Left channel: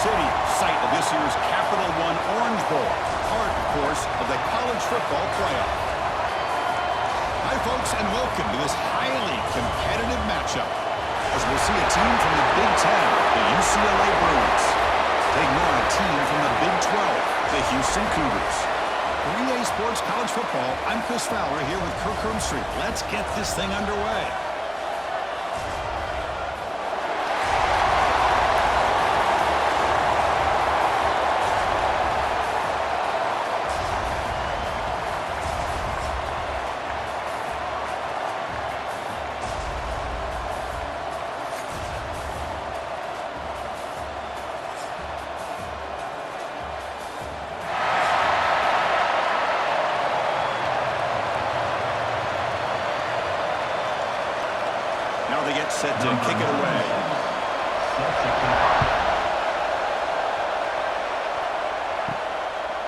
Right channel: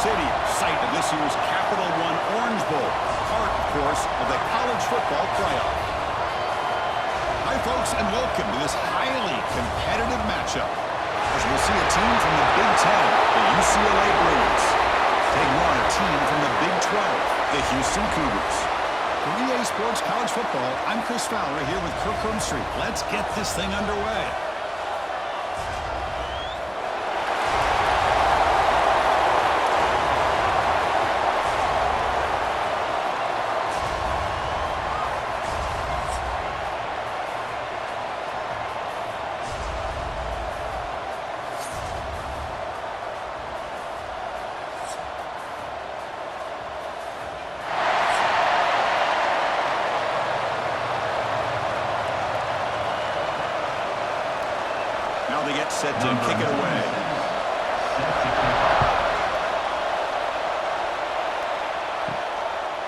Stadium, site of this year's Capital One Orange Bowl, part, of course, of the college football playoff. Hi, folks, and welcome to this highly competitive matchup, as we'll see a team from the Big Ten, the UCLA Bruins, taking on a team from the Big 12, the Houston Cougars. For EA Sports College Football, I'm Chris Fowler here with Kirk Herbstreit. Let's get this thing underway. Now they get set to kick it away.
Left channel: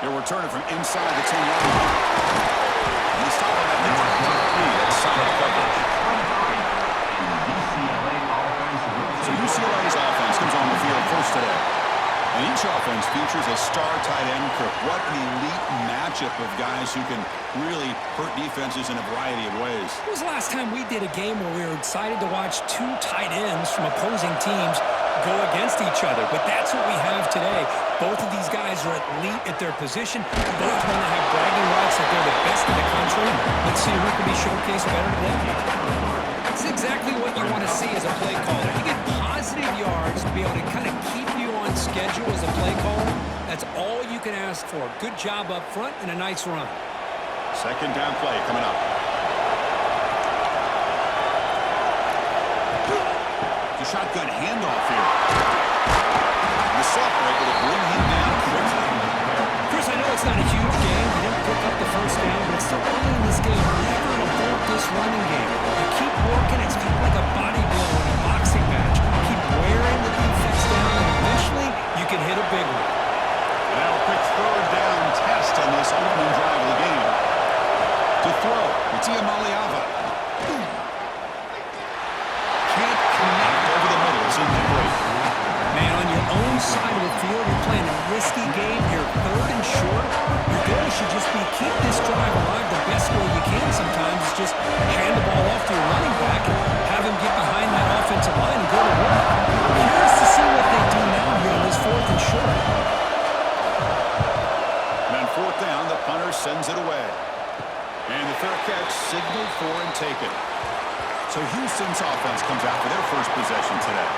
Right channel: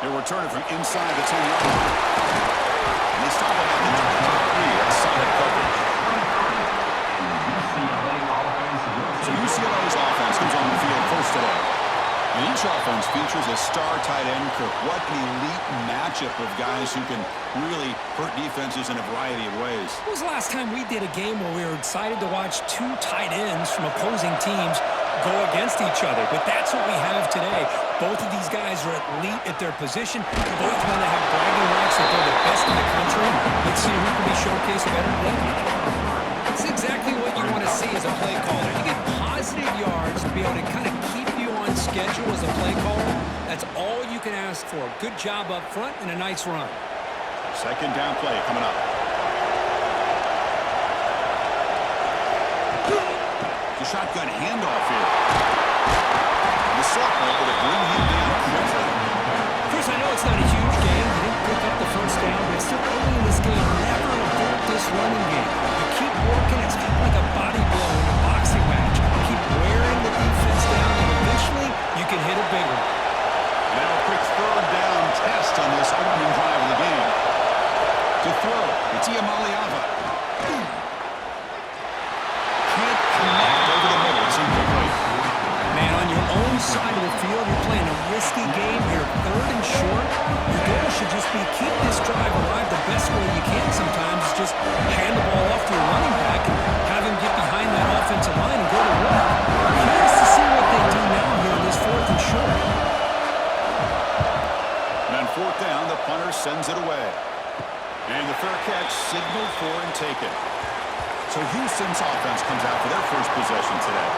They'll return it from inside the 10-yard line. And they stop him at the 23. That's solid coverage. So UCLA's offense comes on the field first today. And each offense features a star tight end, Kirk. What an elite matchup of guys who can really hurt defenses in a variety of ways. When was the last time we did a game where we were excited to watch two tight ends from opposing teams go against each other? But that's what we have today. Both of these guys are elite at their position. Both want to have bragging rights that they're the best in the country. Let's see who can be showcased better today. It's exactly what you want to see as a play caller. You get positive yards to be able to kind of keep you on schedule as a play caller. That's all you can ask for. Good job up front and a nice run. Second down play coming up. The shotgun handoff here. And the sophomore able to bring him down quickly. Chris, I know it's not a huge game. You didn't pick up the first down, but it's still early in this game. Never abort this running game. You keep working. It's kind of like a body blow in a boxing match. Keep wearing the defense down, and eventually you can hit a big one. And now a quick third down test on this opening drive of the game. To throw, it's Iamaliava. Can't connect over the middle. It's incomplete. Man, on your own side of the field, you're playing a risky game here, third and short. Your goal should just be keep this drive alive the best way you can sometimes. Is just hand the ball off to your running back and have him get behind that offensive line and go to work. Curious to see what they do now here on this fourth and short. And on fourth down, the punter sends it away. And the fair catch signaled for and taken. So Houston's offense comes out for their first possession today.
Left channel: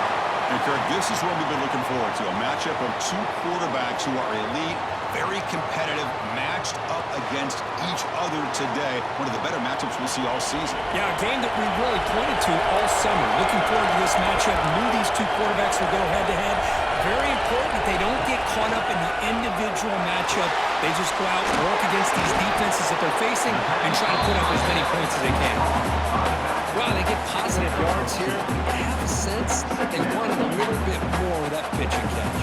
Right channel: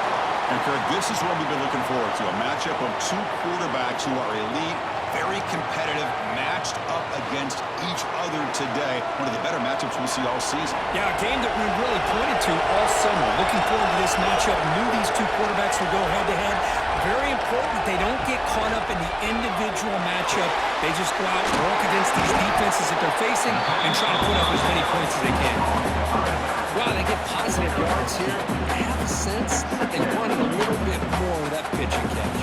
And Kirk, this is what we've been looking forward to, a matchup of two quarterbacks who are elite, very competitive, matched up against each other today. One of the better matchups we'll see all season. Yeah, a game that we really pointed to all summer. Looking forward to this matchup. Knew these two quarterbacks would go head-to-head. Very important that they don't get caught up in the individual matchup. They just go out and work against these defenses that they're facing and try to put up as many points as they can. Wow, they get positive yards here. I have a sense that they wanted a little bit more with that pitch and catch.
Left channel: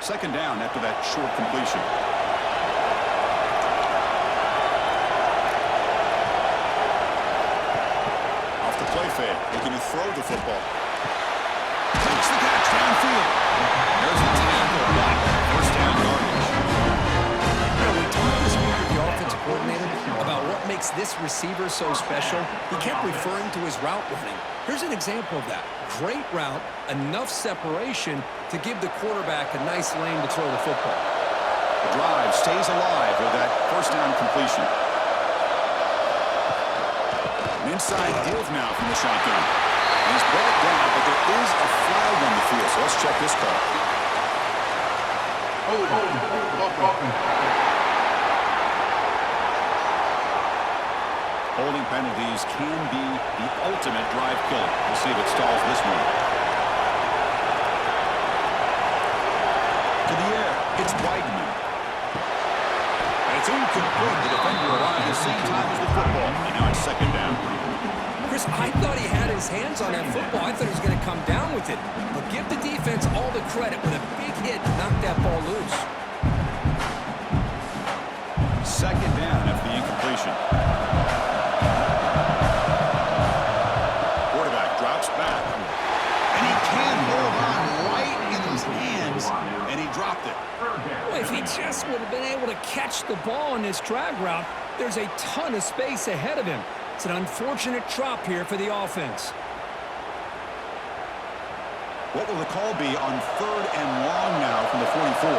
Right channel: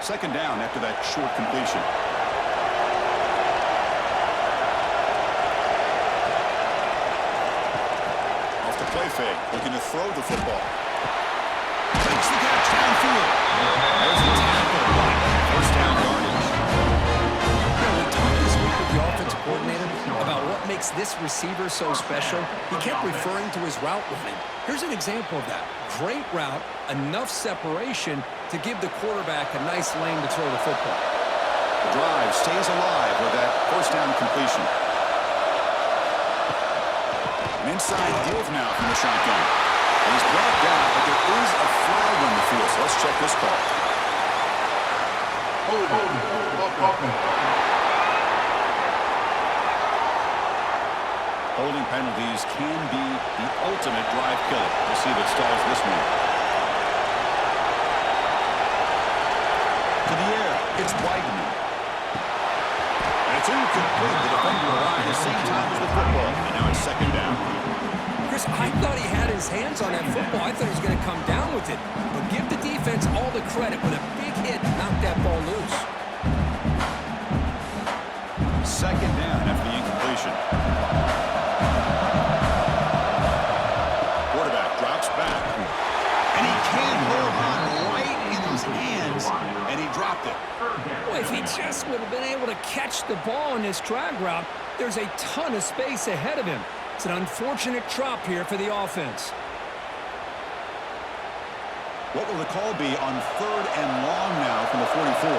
Second down after that short completion. Off the play fake, looking to throw the football. Takes the catch downfield. There's the tackle, but first down yardage. We talked this week with the offensive coordinator about what makes this receiver so special. He kept referring to his route running. Here's an example of that. Great route, enough separation to give the quarterback a nice lane to throw the football. The drive stays alive with that first down completion. An inside deal now from the shotgun. And he's brought down, but there is a flag on the field, so let's check this call. Holding penalties can be the ultimate drive killer. We'll see if it stalls this one. To the air, it's Weidman. And it's incomplete. The defender arrived at the same time as the football. And now it's second down. Chris, I thought he had his hands on that football. I thought he was going to come down with it. But give the defense all the credit with a big hit to knock that ball loose. Second down after the incompletion. drops back. And he can't hold on right in his hands, and he dropped it. Well, if he just would have been able to catch the ball in this drag route, there's a ton of space ahead of him. It's an unfortunate drop here for the offense. What will the call be on 3rd and long now from the 44?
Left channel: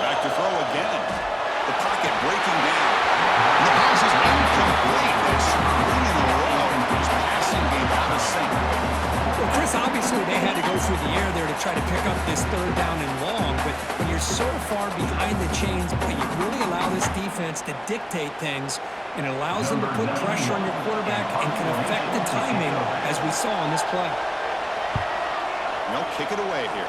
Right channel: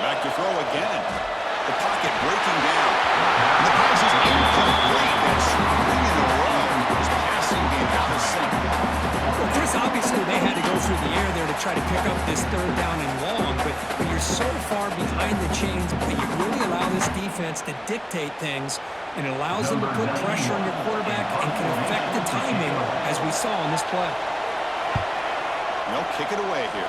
Back to throw again. The pocket breaking down. And the pass is incomplete. That's 3 in a row. His passing game out of sync. Well, Chris, obviously they had to go through the air there to try to pick up this 3rd down and long, but when you're so far behind the chains, you really allow this defense to dictate things, and it allows them to put pressure on your quarterback and can affect the timing, as we saw on this play. They'll kick it away here.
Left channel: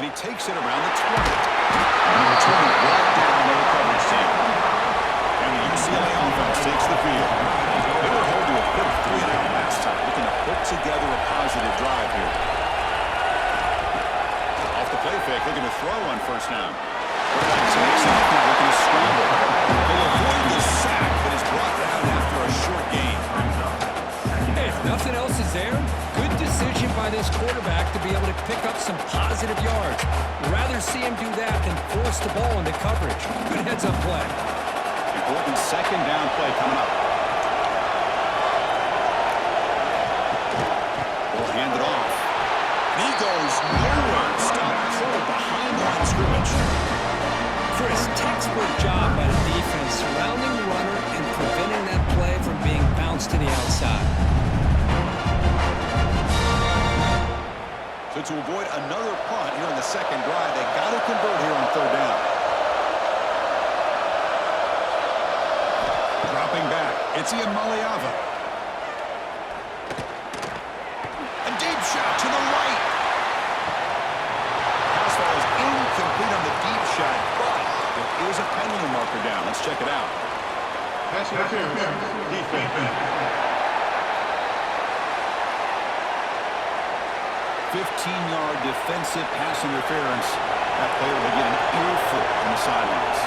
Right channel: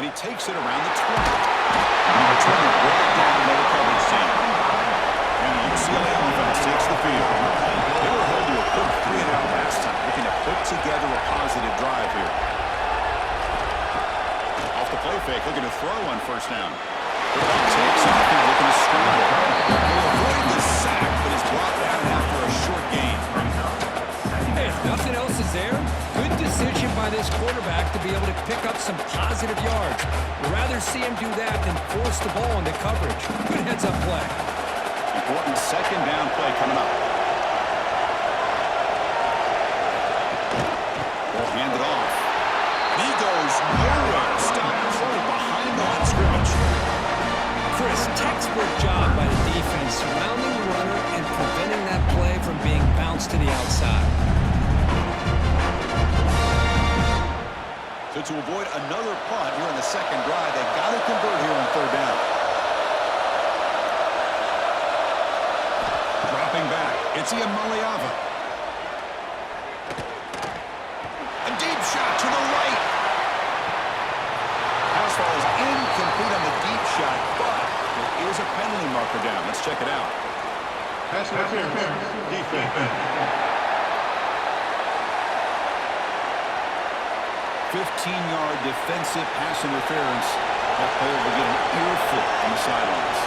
And he takes it around the 20. Number 20 brought down by the coverage team. And the UCLA offense takes the field. They were held to a quick 3-and-out last time, looking to put together a positive drive here. Off the play fake, looking to throw on 1st down. Quarterback takes off and looking to scramble. He'll avoid the sack, but is brought down after a short gain. Hey, if nothing else is there, good decision by this quarterback to be able to pick up some positive yards. We'd rather see him do that than force the ball into coverage. Good heads-up play. Important 2nd down play coming up. We'll hand it off. And he goes nowhere. Stop control behind the line of scrimmage. Chris, textbook job by the defense surrounding the runner and preventing that play from being bounced to the outside. So to avoid another punt here in the 2nd drive, they got to convert here on 3rd down. Dropping back, it's Iamaleava. A deep shot to the right. Pass falls incomplete on the deep shot, but there is a penalty marker down. Let's check it out. Pass interference. Defense. 15-yard defensive pass interference. That player will get an earful on the sidelines.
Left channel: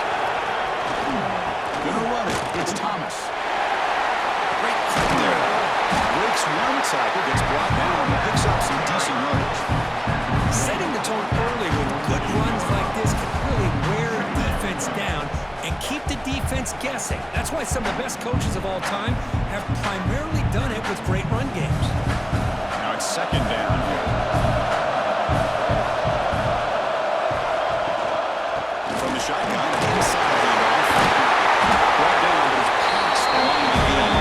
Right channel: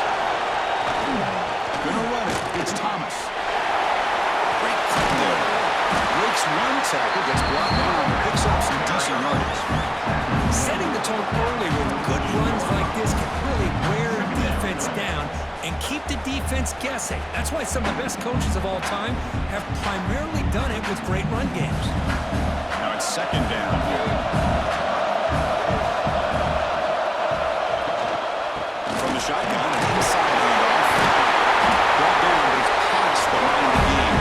Gonna run it. It's Thomas. Great cut there. Breaks one tackle, gets brought down, and picks up some decent yardage. Setting the tone early with good runs like this can really wear defense down and keep the defense guessing. That's why some of the best coaches of all time have primarily done it with great run games. Now it's 2nd down here. From the shotgun, an inside handoff. Brought down, but it's past the line of the game.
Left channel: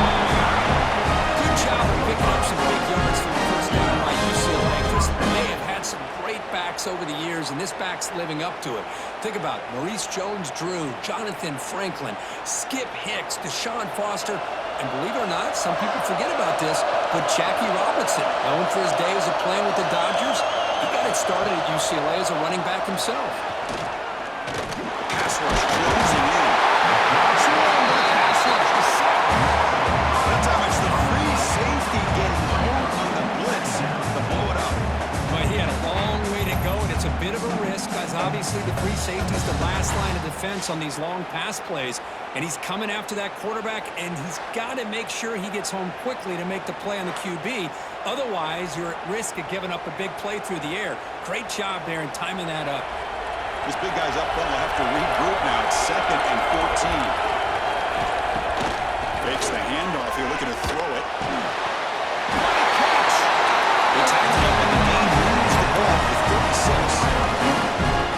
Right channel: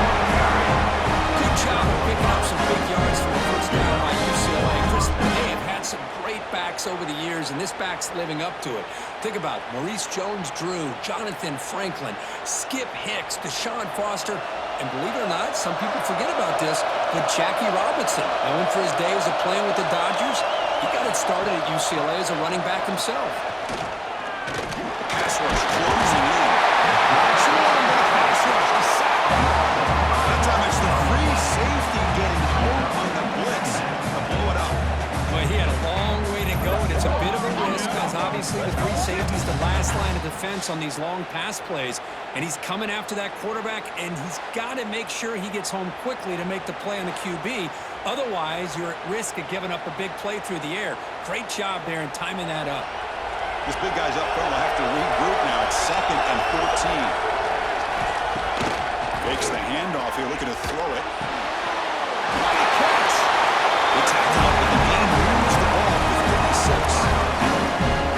Good job of picking up some big yards for the 1st down by UCLA. Chris, they have had some great backs over the years, and this back's living up to it. Think about Maurice Jones-Drew, Jonathan Franklin, Skip Hicks, Deshaun Foster, and believe it or not, some people forget about this, but Jackie Robinson, known for his days of playing with the Dodgers, he got it started at UCLA as a running back himself. Pass rush closing in. Swarm with a pass rush, a sack. That time it's the free safety getting home on the blitz to blow it up. Well, he had a long way to go, and it's a bit of a risk, because obviously the free safety is the last line of defense on these long pass plays, and he's coming after that quarterback, and he's got to make sure he gets home quickly to make the play on the QB. Otherwise, you're at risk of giving up a big play through the air. Great job there in timing that up. This big guy's up front will have to regroup now. It's 2nd and 14. Fakes the handoff here, looking to throw it. What a catch! They tackle up, but the game moves the ball with 36.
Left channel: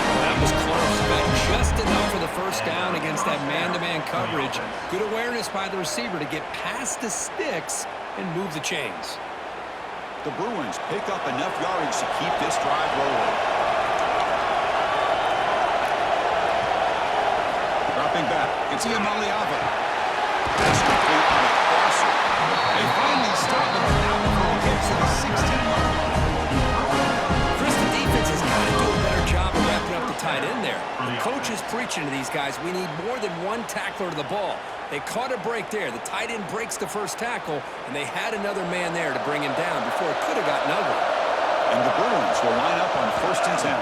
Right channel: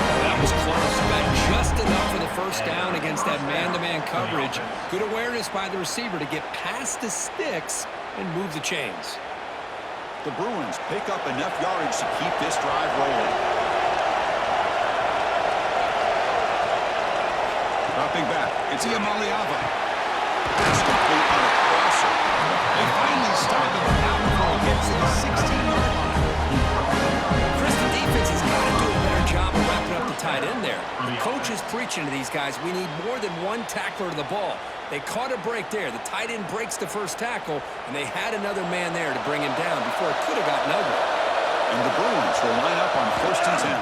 Well, that was close. Got just enough for the 1st down against that man-to-man coverage. Good awareness by the receiver to get past the sticks and move the chains. The Bruins pick up enough yardage to keep this drive rolling. Dropping back, it's Iamaleava. That's complete on a crosser. They finally stop him, but not before he gets to the 16-yard line. Chris, the defense has got to do a better job of wrapping up the tight end there. The coach is preaching to these guys, we need more than one tackler to the ball. They caught a break there. The tight end breaks the 1st tackle, and they had another man there to bring him down before it could have gotten ugly. And the Bruins will line up on 1st and 10.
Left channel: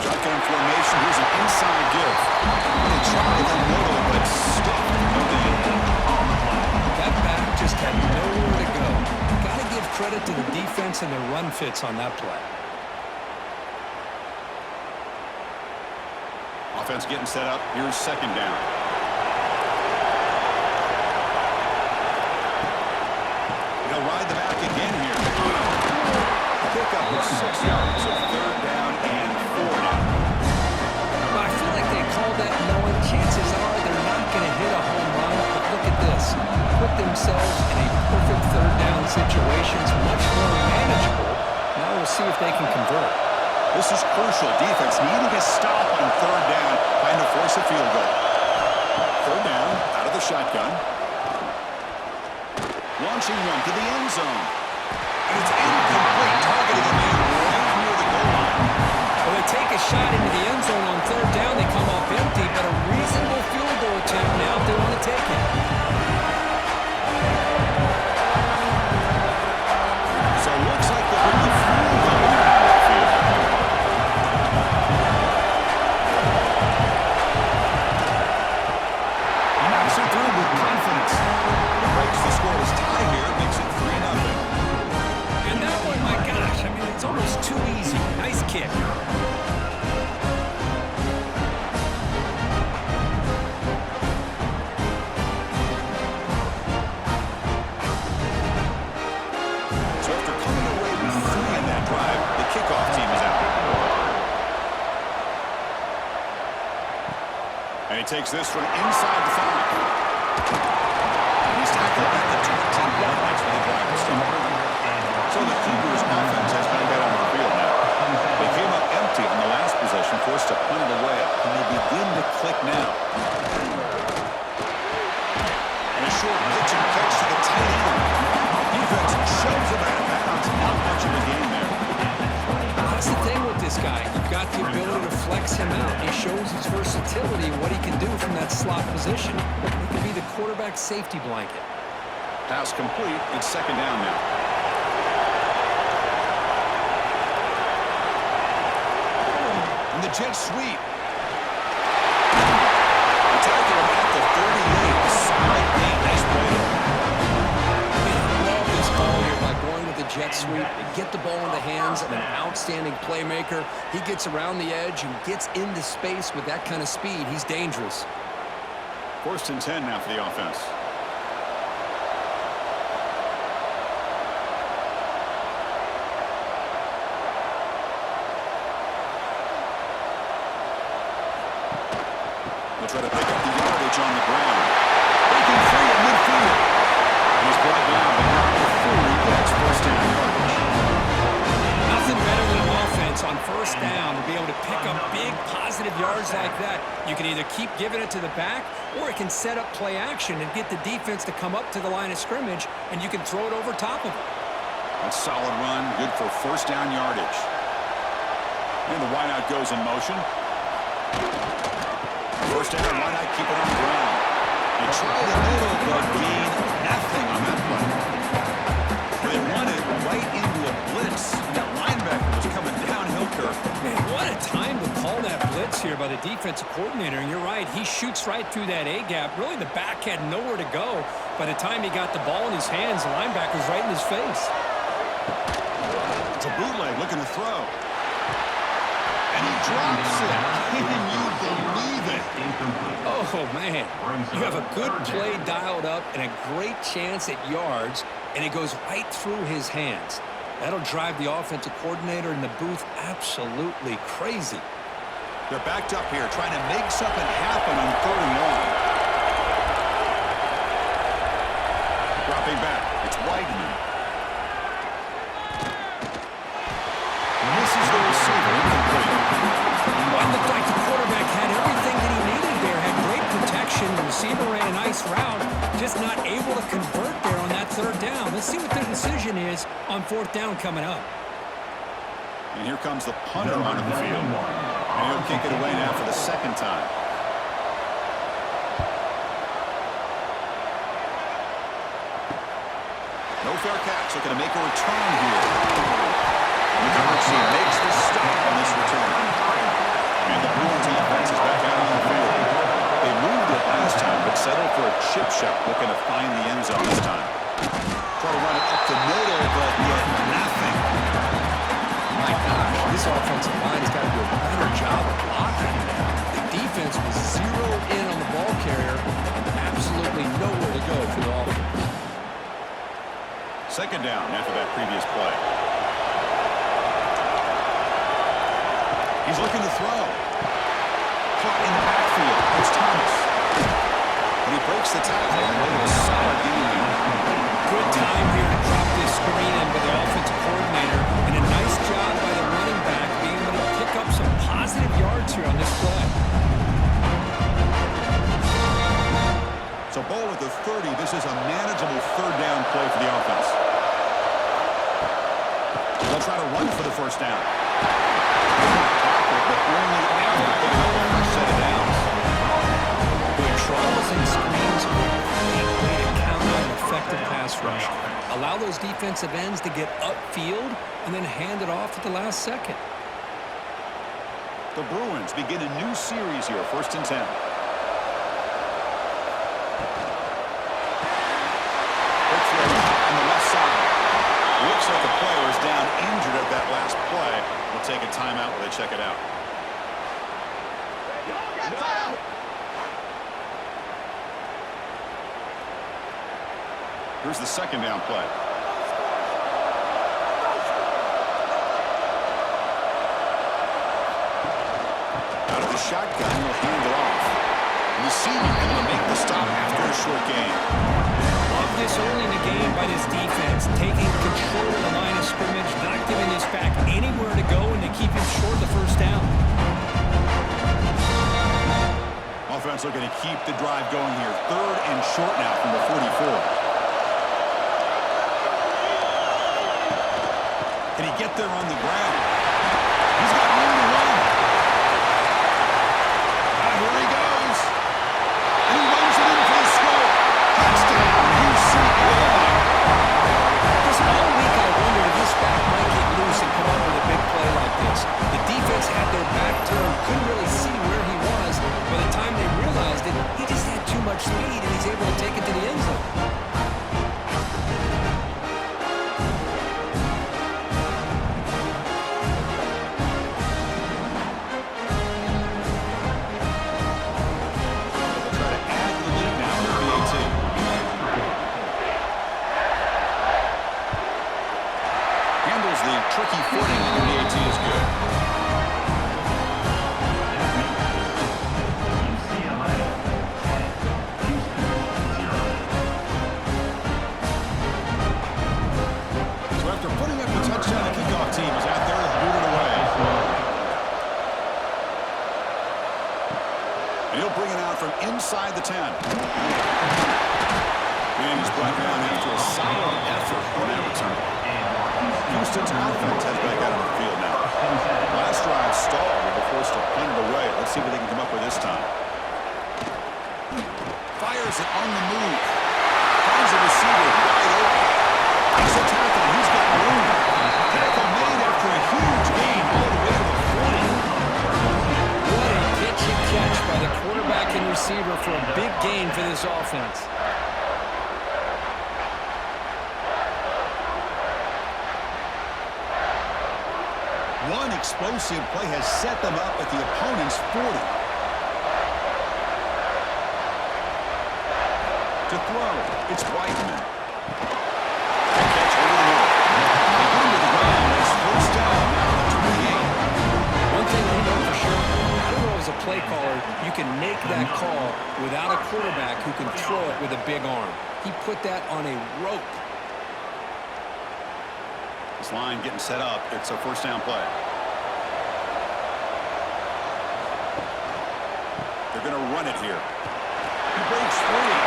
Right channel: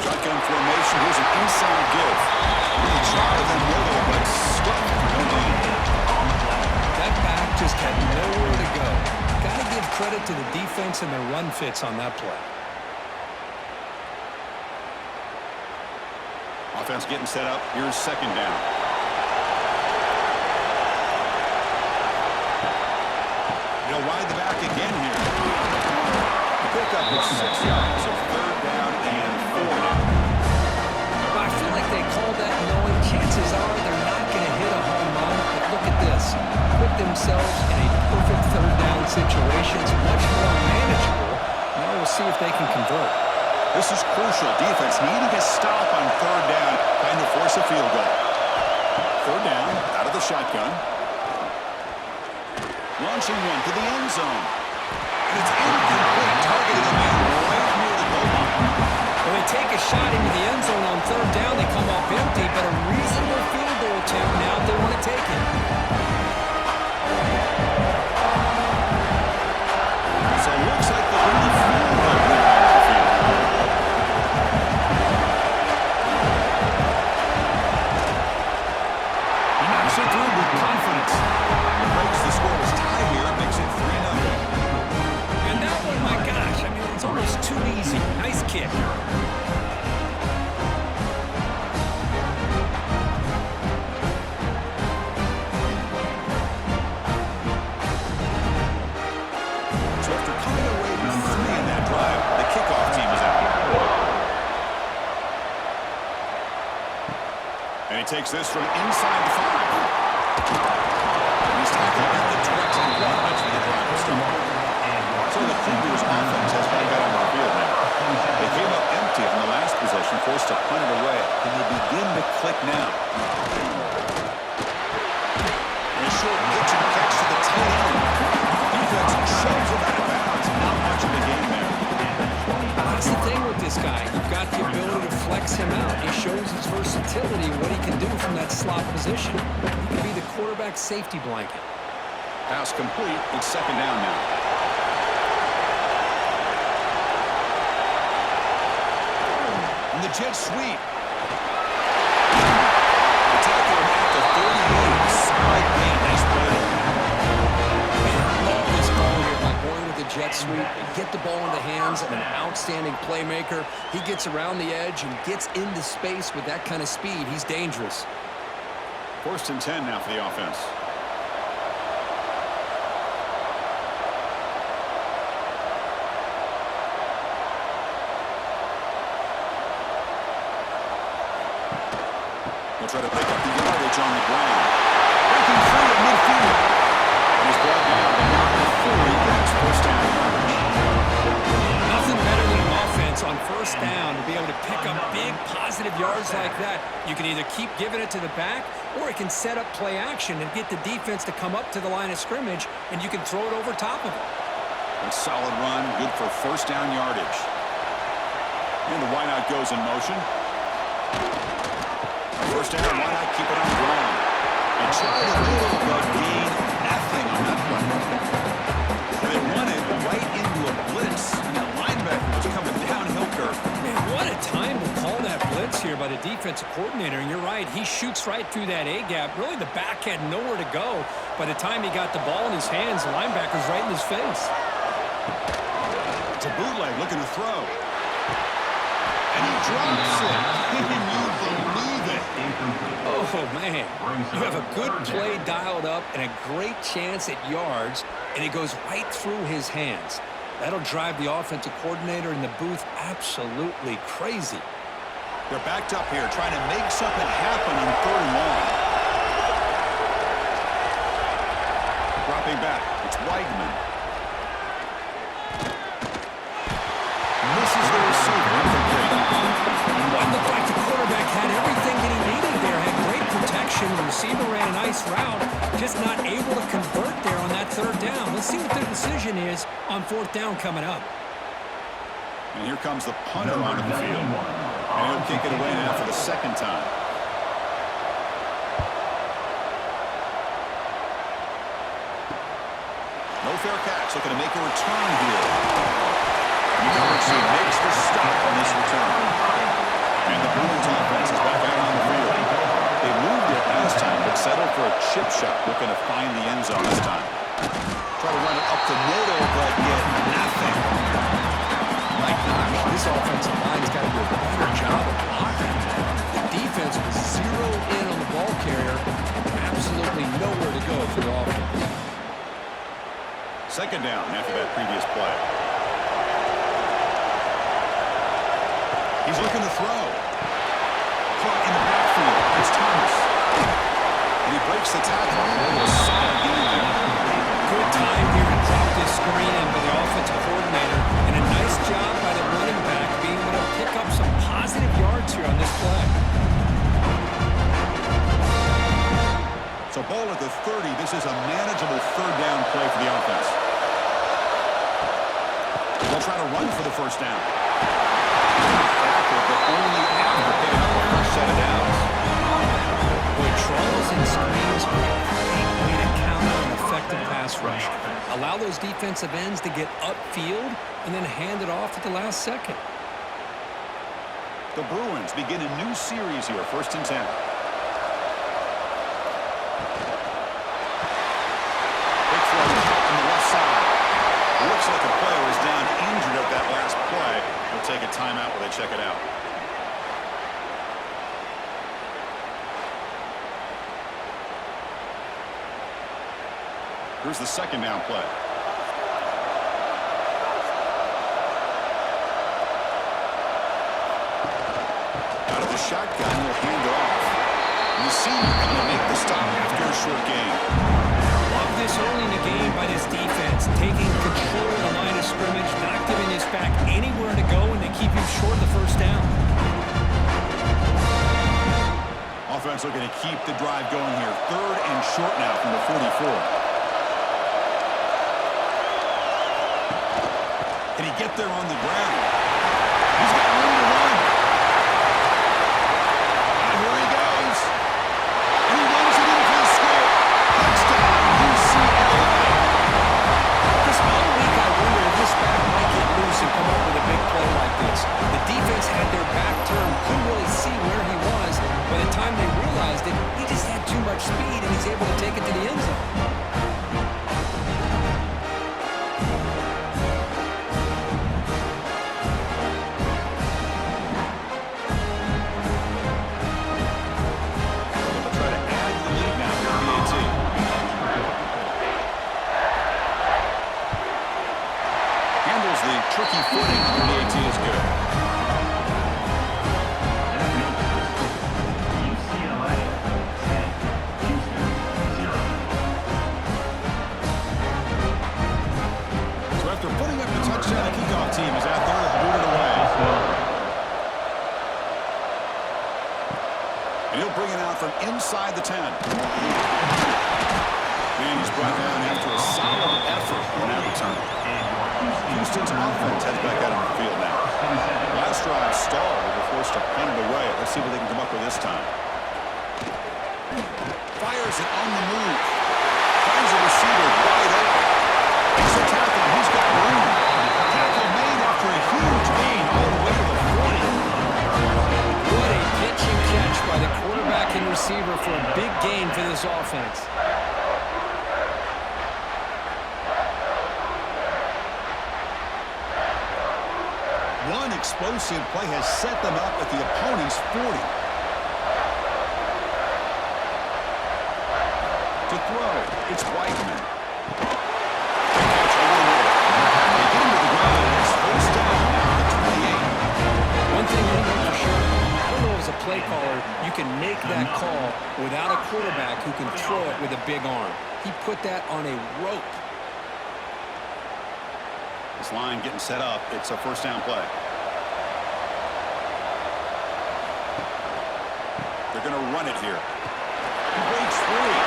Shotgun formation, here's an inside give. They try the middle, but stuck, no gain. credit to the defense and their run fits on that play. Offense getting set up. Here's second down. He'll ride the back again here. The pickup is 6 yards, so third down and 4 now. Well, I feel like they called that knowing chances are they're not going to hit a home run, but look at this. Put themselves in a perfect third down situation. It's much more manageable. Now we'll see if they can convert. This is crucial. Defense needing a stop on third down, trying to force a field goal. Third down, out of the shotgun. Launching one to the end zone. And it's incomplete, targeting a man right near the goal line. Well, they take a shot into the end zone on third down. They come up empty, but a reasonable field goal attempt now if they want to take it. So it looks like they'll bring the field goal down to the field. He knocks it through with confidence. It breaks the scoreless tie here, makes it 3-0. And that one, my gosh, I mean, it's almost too easy. Nice kick. So after coming away with 3 in that drive, the kickoff team is out. And he takes this from inside the 5. He's tackled at the 21. That's when the drive will start. So the Cougars offense has back out on the field now. They came up empty on the last possession, forced to punt it away. Can they begin to click now? And a short pitch and catch to the tight end. Defense shoves him out of bounds. Not much of a game there. That's the thing with this guy. You've got the ability to flex him out. He shows his versatility and what he can do from that slot position. He can be the quarterback safety blanket. Pass complete. It's second down now. And the jet sweep. They tackle him at the 38. Slight gain. Nice play there. Man, I love this call here by going with the jet sweep. They get the ball in the hands of an outstanding playmaker. He gets around the edge and gets into space with that kind of speed. He's dangerous. First and 10 now for the offense. He'll try to pick up the yardage on the ground. Breaking free at midfield. And he's brought down, but not before he gets first down yardage. Nothing better than an offense on first down to be able to pick up big positive yards like that. You can either keep giving it to the back, or it can set up play action and get the defense to come up to the line of scrimmage, and you can throw it over top of it. That's a solid run, good for first down yardage. And the wideout goes in motion. First down, why not keep it on the ground? And try the middle, but gain nothing on that play. They run it right into a blitz, and that linebacker was coming downhill curve. Man, what a time to call that blitz here by the defensive coordinator. And you're right, he shoots right through that A-gap. Really, the back had nowhere to go. By the time he got the ball in his hands, the linebacker's right in his face. It's a bootleg looking to throw. And he drops it. Can you believe it? Oh, man. You have a good play dialed up and a great chance at yards, and it goes right through his hands. That'll drive the offensive coordinator in the booth absolutely crazy. They're backed up here, trying to make something happen on third and long. Dropping back. It's Weidman. Misses the receiver. Incomplete. Well, it looked like the quarterback had everything that he needed there. Had great protection. The receiver ran a nice route. Just not able to convert there on that third down. Let's see what their decision is on fourth down coming up. And here comes the punter onto the field. And he'll kick it away now for the second time. No fair catch. Looking to make a return here. The coverage team makes the stop on this return. And the Bruins offense is back out on the field. They moved it last time, but settled for a chip shot, looking to find the end zone this time. Try to run it up the middle, but get nothing. My gosh, this offensive line has got to do a better job of blocking. The defense was zeroed in on the ball carrier and absolutely nowhere to go for the offense. Second down after that previous play. He's looking to throw. Caught in the backfield. It's Thomas. And he breaks the tackle on the way to a solid gain there. Good time here to drop this screen in by the offensive coordinator, and a nice job by the running back being able to pick up some positive yards here on this play. So ball at the 30. This is a manageable third down play for the offense. They'll try to run for the first down. Tackle, but only after picking up a fresh set of downs. Draws and screens are a great way to counter an effective pass rush. Allow those defensive ends to get upfield and then hand it off at the last second. The Bruins begin a new series here, 1st and 10. Quick throw on the left side. Looks like a player is down injured at that last play. We'll take a timeout while they check it out. Here's the second down play. Out of the shotgun, he'll hand it off. And the senior able to make the stop after a short gain. Love this early in the game by this defense, taking control of the line of scrimmage, not giving this back anywhere to go, and to keep him short of the first down. Offense looking to keep the drive going here. 3rd and short now from the 44. Can he get there on the ground? He's got room to run. Here he goes. And he runs it in for the score. Touchdown, UCLA. Chris, all week I wondered if this back might get loose and come up with a big play like this. The defense had their back turned, couldn't really see where he was. By the time they realized it, he just had too much speed, and he's able to take it to the end zone. The tricky footing on the BAT is good. UCLA 10, Houston 0. So after putting up the touchdown, the kickoff team is out there to boot it away. And he'll bring it out from inside the 10. And he's brought down after a solid effort on that return. Houston's offense heads back out on the field now. Last drive stalled. They were forced to punt it away. Let's see what they can come up with this time. Fires it on the move. Finds a receiver wide open. Makes a tackle, and he's got room. Tackle made after a huge gain all the way to the 40. What a pitch and catch by the quarterback and receiver for a big gain for this offense. One explosive play has set them up at the opponent's 40. To throw, it's Whiteman. Quick catch over the middle. They get him to the ground. It's 1st down now at the 28. One thing we know for sure, I don't know as a play caller, you can make that call without a quarterback who can throw it with a big arm. He put that on a rope. This line getting set up. It's a 1st down play. They're going to run it here. He breaks free.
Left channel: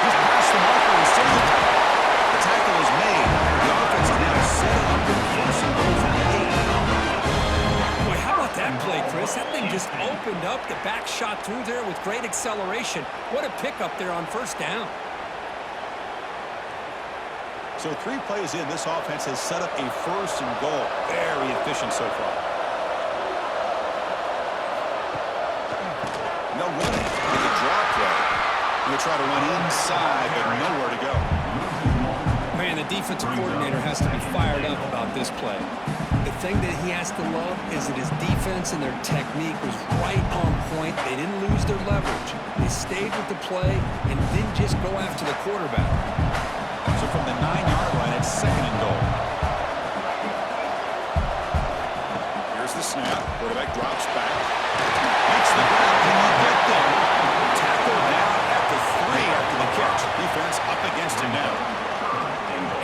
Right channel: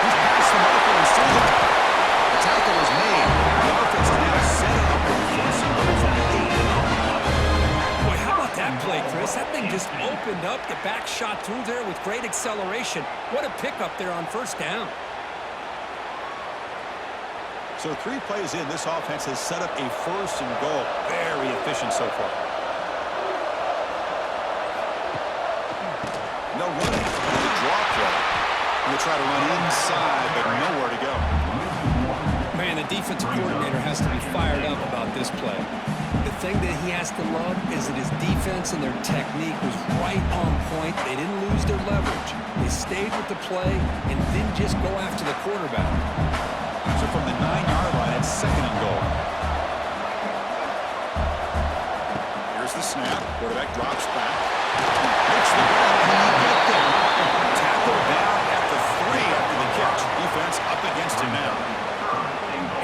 He's past the marker and still the tackle is made. The offense is now set up with 1st and goal from the 8. Boy, how about that play, Chris? That thing just opened up. The back shot through there with great acceleration. What a pickup there on 1st down. So 3 plays in, this offense has set up a 1st and goal. Very efficient so far. And they'll run it with a draw play. They'll try to run inside, but nowhere to go. Man, the defensive coordinator has to be fired up about this play. The thing that he has to love is that his defense and their technique was right on point. They didn't lose their leverage. They stayed with the play and didn't just go after the quarterback. So from the 9-yard line, it's 2nd and goal. Here's the snap. Quarterback drops back. Makes the grab. Can he get there? Tackle down at the 3 after the catch. Defense up against him now.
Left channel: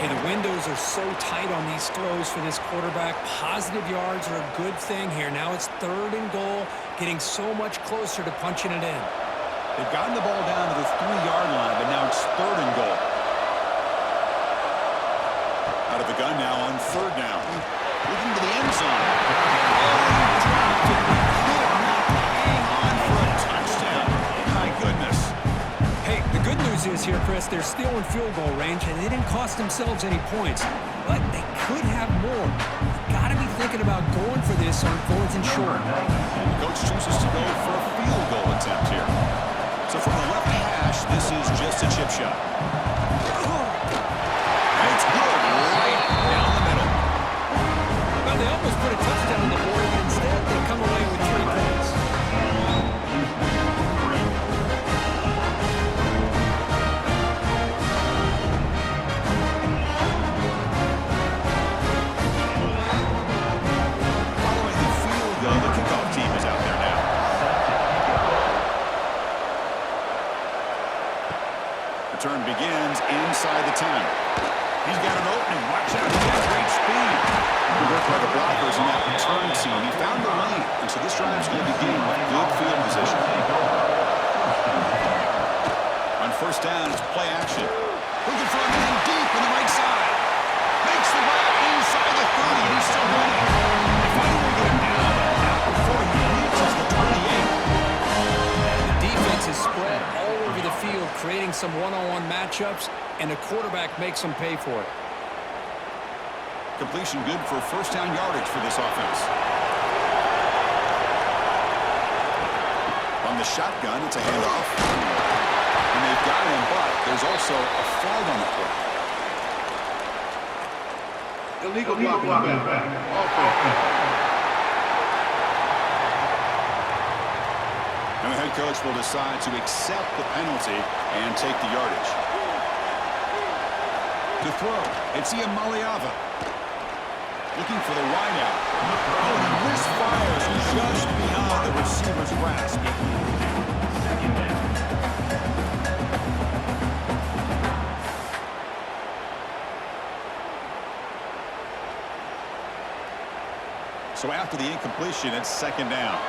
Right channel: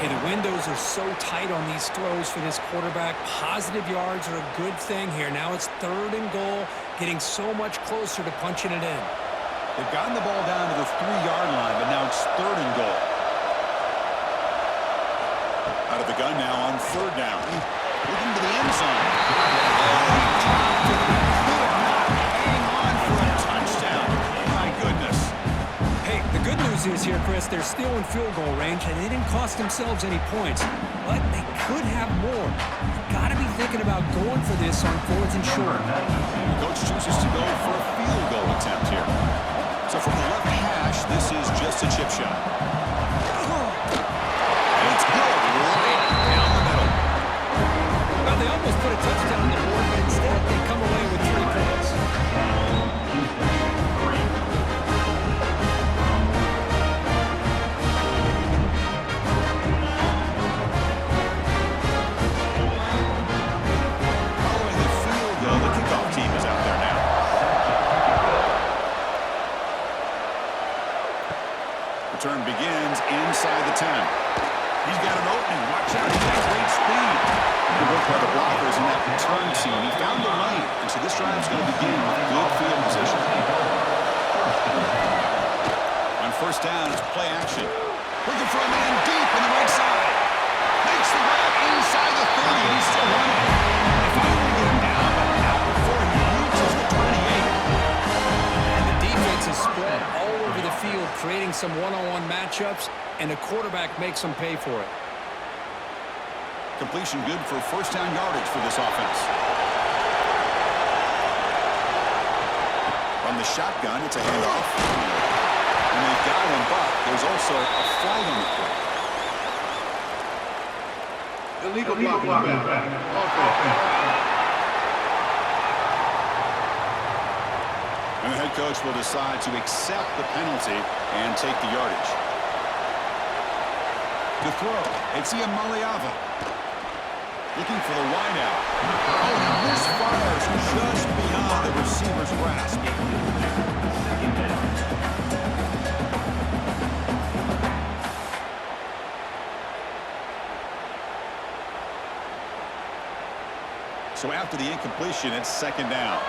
Hey, the windows are so tight on these throws for this quarterback. Positive yards are a good thing here. Now it's 3rd and goal, getting so much closer to punching it in. They've gotten the ball down to the 3-yard line, but now it's 3rd and goal. Out of the gun now on 3rd down. Looking to the end zone. Oh, he dropped it. He could not hang on for a touchdown. My goodness. Hey, the good news is here, Chris, they're still in field goal range, and they didn't cost themselves any points. But they could have more. You've got to be thinking about going for this on 4th and short. The coach chooses to go for a field goal attempt here. So from the left hash, this is just a chip shot. And it's good, right down the middle. Well, they almost put a touchdown on the board, but instead they come away with 3 points. Following the field goal, the kickoff team is out there now. Return begins inside the 10. He's got an opening. Watch out. He's got great speed. Good work by the blockers in that return team. He found the lane, and so this drive's going to begin with good field position. On 1st down, it's play action. Looking for a man deep on the right side. Makes the grab inside the 30, and he's still running. They finally get him down, but not before he reaches the 28. The defense is spread all over the field, creating some one-on-one matchups, and the quarterback makes them pay for it. Completion good for 1st down yardage for this offense. From the shotgun, it's a handoff. And they've got him, but there's also a flag on the play. Illegal block. Offense. And the head coach will decide to accept the penalty and take the yardage. To throw, it's Iamaleava. Looking for the wideout. Oh, and he misfires just beyond the receiver's grasp. So after the incompletion, it's 2nd down.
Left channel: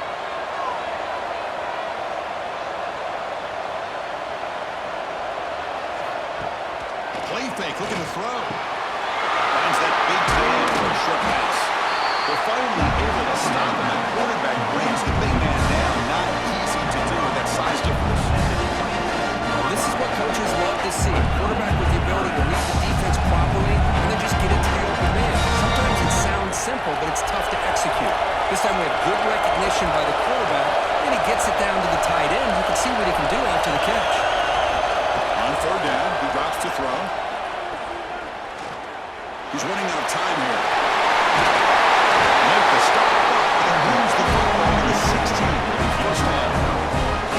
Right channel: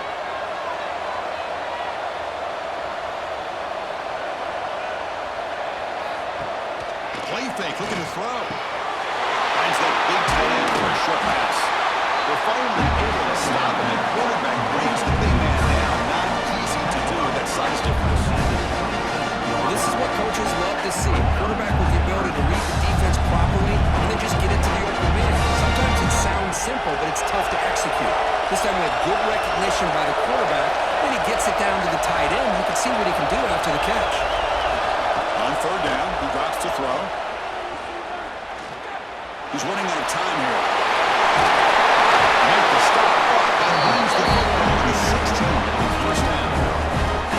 Play fake, looking to throw. Finds that big tight end for a short pass. They're finally able to stop him. The quarterback brings the big man down. Not easy to do with that size difference. Well, this is what coaches love to see. A quarterback with the ability to read the defense properly and then just get it to the open man. Sometimes it sounds simple, but it's tough to execute. This time we have good recognition by the quarterback. Then he gets it down to the tight end. You can see what he can do after the catch. On 3rd down, he drops to throw. He's running out of time here. Make the stop, but that moves the football to the 16. It'll be 1st down.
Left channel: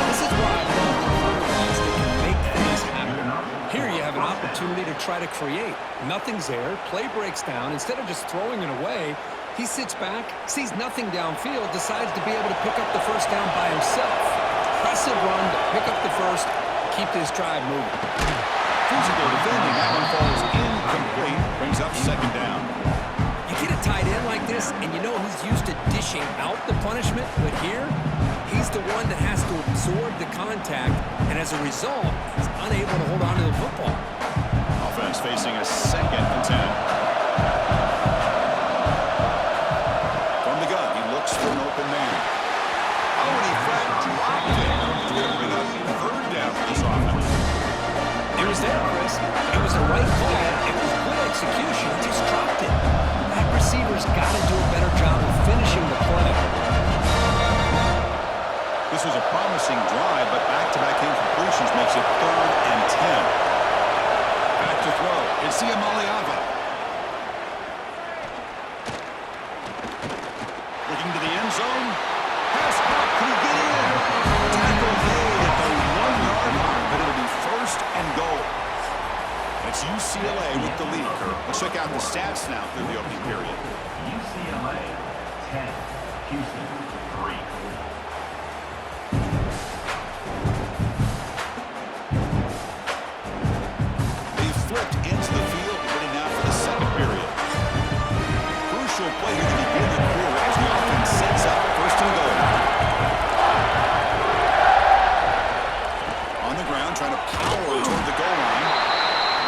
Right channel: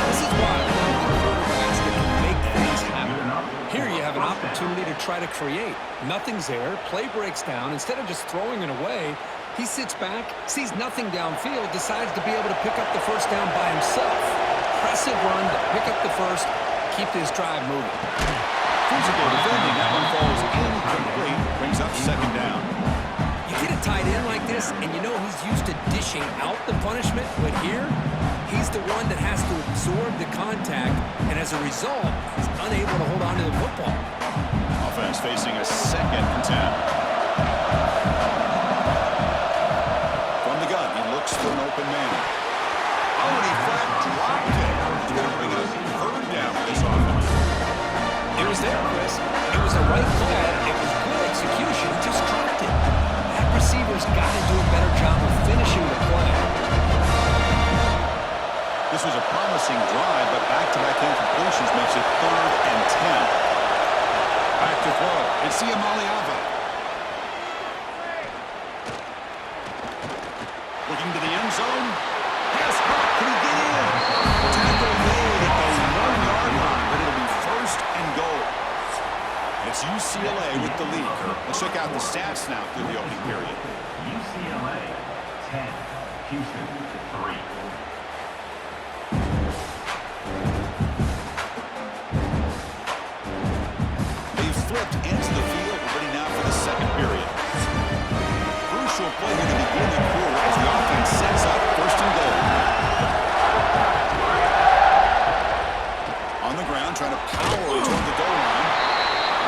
This is why I love the quarterbacks that can make things happen. Here you have an opportunity to try to create. Nothing's there. Play breaks down. Instead of just throwing it away, he sits back, sees nothing downfield, decides to be able to pick up the 1st down by himself. Impressive run to pick up the 1st, keep this drive moving. Physical defending. That one falls incomplete. Brings up 2nd down. You get a tight end like this, and you know he's used to dishing out the punishment, but here, he's the one that has to absorb the contact, and as a result, he's unable to hold on to the football. Offense facing a 2nd and 10. From the gun, he looks for an open man. Oh, and he flat dropped it. He's going to bring up 3rd down for this offense. It was there, Chris. It was the right call. It was good execution. He just dropped it. That receiver's got to do a better job of finishing the play. This was a promising drive, but back-to-back incompletions makes it 3rd and 10. Back to throw. throw. It's Iamaleava. Looking to the end zone. Pass caught. Can he get in? Tackle made at the 1-yard line, but it'll be first and goal. It's UCLA with the lead, Kurt. Let's check out the stats now through the opening period. UCLA 10, Houston 3. They've flipped into the field. We're ready now for the second period. Crucial play here to begin the quarter as the offense sets up first and goal. On the ground, trying to power toward the goal line.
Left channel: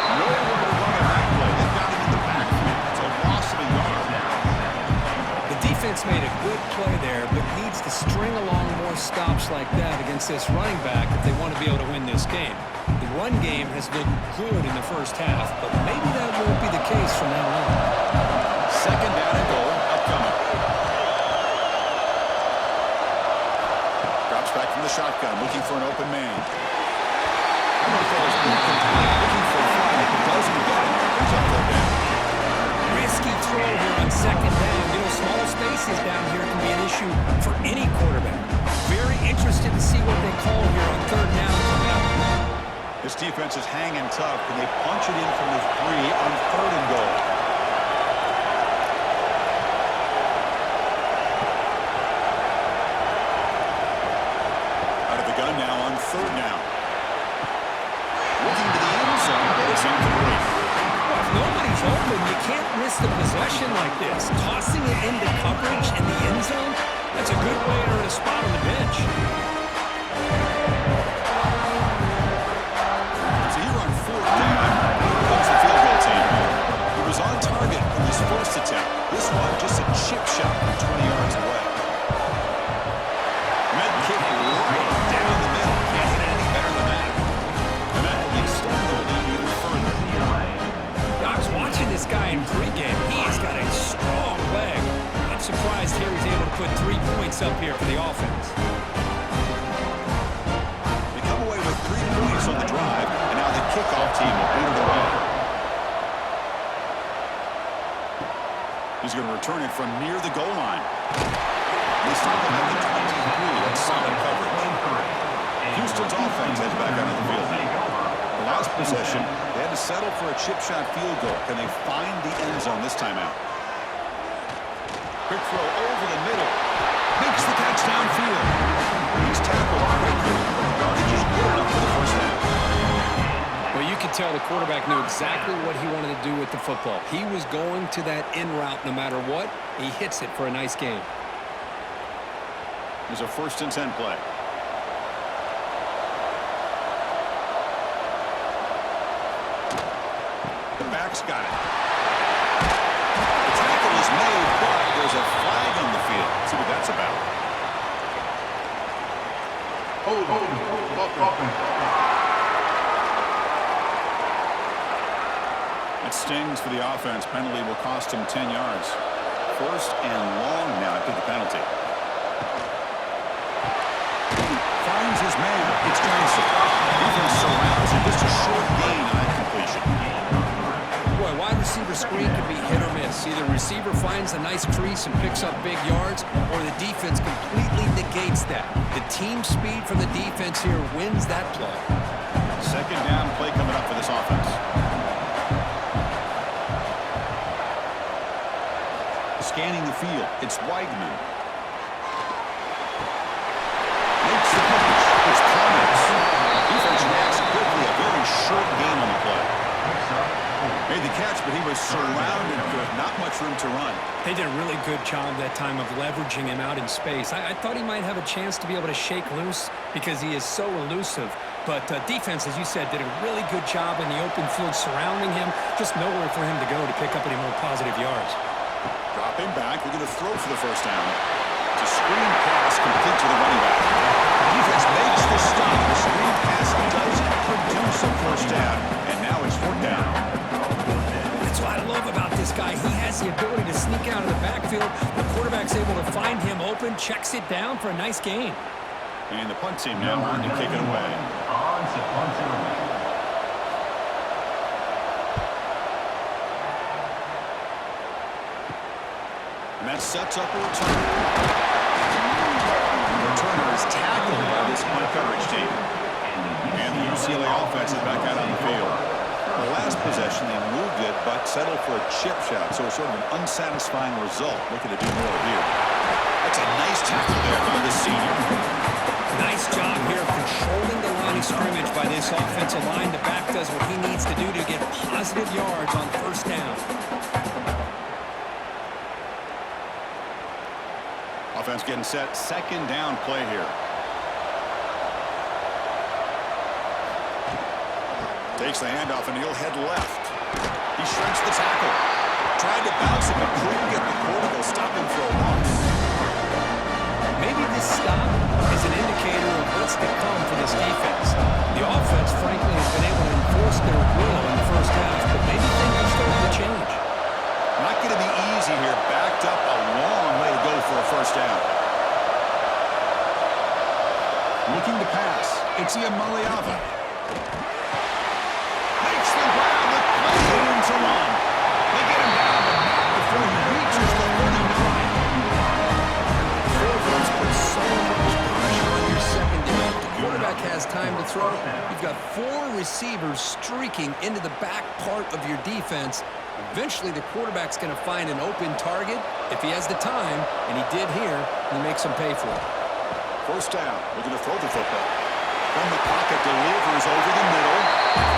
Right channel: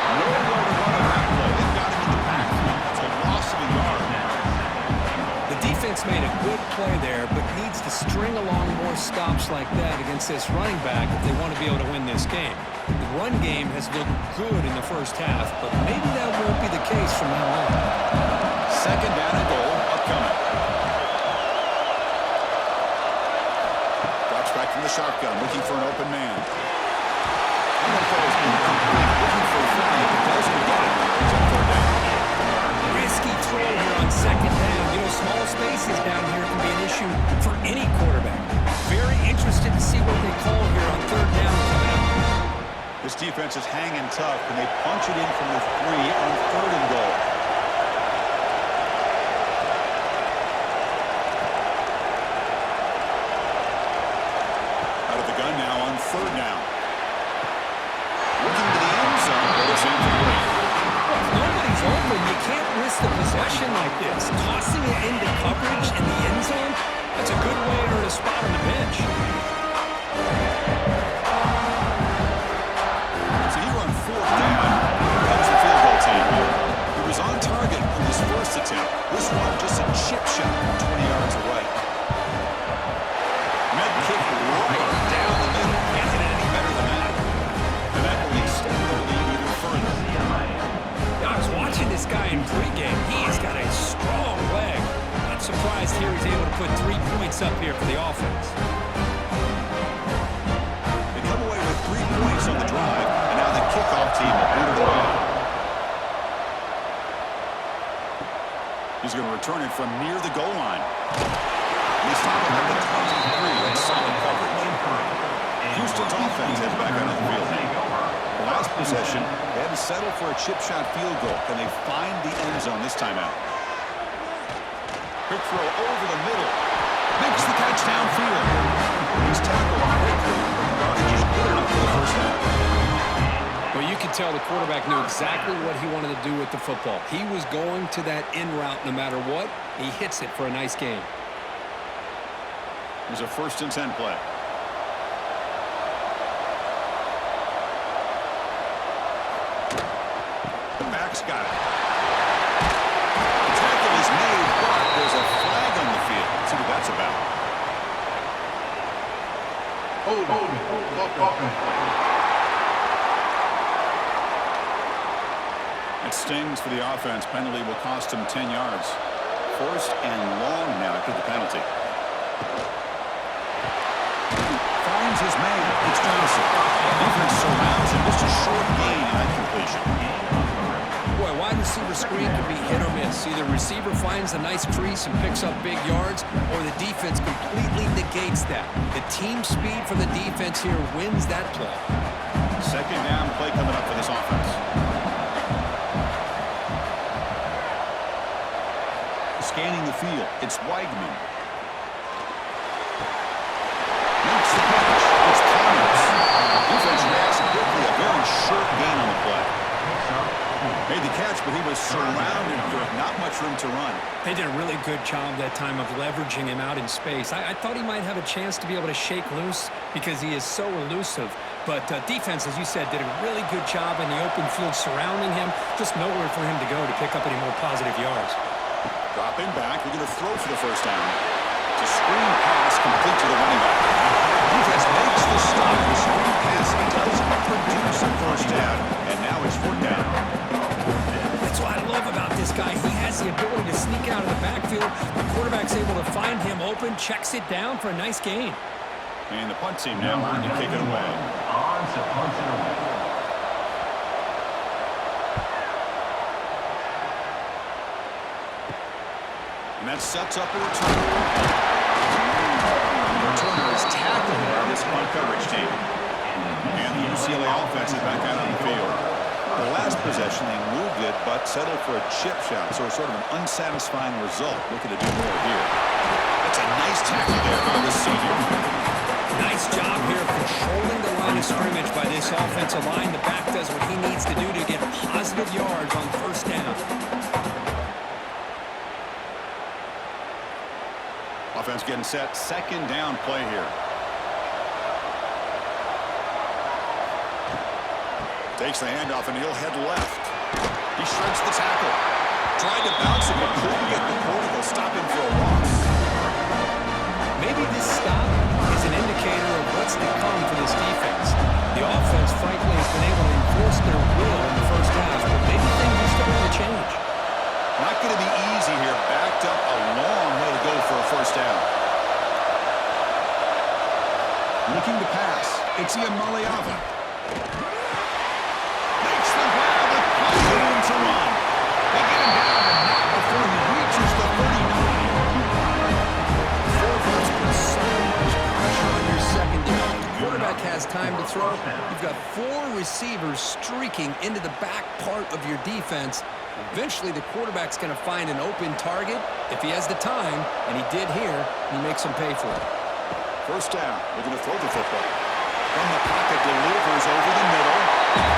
Nowhere to run on that play. They've got him in the backfield. That's a loss of a yard. The defense made a good play there, but needs to string along more stops like that against this running back if they want to be able to win this game. The run game has looked good in the first half, but maybe that won't be the case from now on. Second down and goal upcoming. Drops back from the shotgun, looking for an open man. That one falls incomplete, looking for a flag, but doesn't get it. Brings up third down. Risky throw here on second down. You know, small spaces down here can be an issue for any quarterback. Very interested to see what they call here on third down coming up. This defense is hanging tough. Can they punch it in from the 3 on third and goal? Out of the gun now on third down. Looking to the end zone, but it's incomplete. Well, if nobody's open, you can't risk the possession like this. Tossing it into coverage in the end zone, that's a good way to earn a spot on the bench. So here on fourth down, here comes the field goal team. He was on target in his first attempt. This one just a chip shot from 20 yards away. Med kick right down the middle. Can't hit it any better than that. And that will extend their lead even further. I was watching this guy in pregame. He's got a strong leg. Not surprised here he's able to put 3 points up here for the offense. They come away with 3 points on the drive, and now the kickoff team will boot it away. He's going to return it from near the goal line. They stop him at the 23. That's solid coverage. Houston's offense heads back out of the field now. The last possession, they had to settle for a chip shot field goal. Can they find the end zone this time out? Quick throw over the middle. Makes the catch downfield. He's tackled quickly, but the yardage is good enough for the first down. Well, you could tell the quarterback knew exactly what he wanted to do with the football. He was going to that in route no matter what. He hits it for a nice gain. There's a 1st and 10 play. The back's got it. The tackle is made, but there's a flag on the field. Let's see what that's about. Hold. It stings for the offense. Penalty will cost him 10 yards. First and long now after the penalty. Finds his man. It's Johnson. Defense surrounds him. Just a short gain on that completion. Boy, wide receiver screen can be hit or miss. Either receiver finds a nice crease and picks up big yards, or the defense completely negates that. The team speed from the defense here wins that play. Second down play coming up for this offense. Scanning the field. It's Weigman. Makes the catch. It's Connors. Defense reacts quickly. A very short gain on the play. Made the catch, but he was surrounded with not much room to run. They did a really good job that time of leveraging him out in space. I thought he might have a chance to be able to shake loose because he is so elusive. But defense, as you said, did a really good job in the open field surrounding him. Just nowhere for him to go to pick up any more positive yards. Dropping back, we're going to throw for the first down. It's a screen pass complete to the running back. Defense makes the stop. The screen pass doesn't produce a first down, and now it's fourth down. That's what I love about this guy. He has the ability to sneak out of the backfield. The quarterback's able to find him open, checks it down for a nice gain. And the punt team now on to kick it away. On to punt it away. And that sets up a return. The returner is tackled by this punt coverage team. And the UCLA offense is back out on the field. The last possession, they moved it, but settled for a chip shot, so it's sort of an unsatisfying result. Looking to do more here. That's a nice tackle there by the senior. Nice job here of controlling the line of scrimmage by this offensive line. The back does what he needs to do to get positive yards on first down. Offense getting set. Second down play here. Takes the handoff, and he'll head left. He shreds the tackle. Tried to bounce it, but couldn't get the quarter. They'll stop him for a loss. Maybe this stop is an indicator of what's to come for this defense. The offense, frankly, has been able to enforce their will in the first half, but maybe things are starting to change. Not going to be easy here. Backed up a long way to go for a first down. Looking to pass. It's Iamaleava. Makes the grab with plenty of room to run. They get him down, but not before he reaches the 39. Forwards put so much pressure on your secondary. The quarterback has time to throw. You've got 4 receivers streaking into the back part of your defense. Eventually, the quarterback's going to find an open target if he has the time, and he did here, and he makes him pay for it. First down, looking to throw the football. From the pocket, delivers over the middle.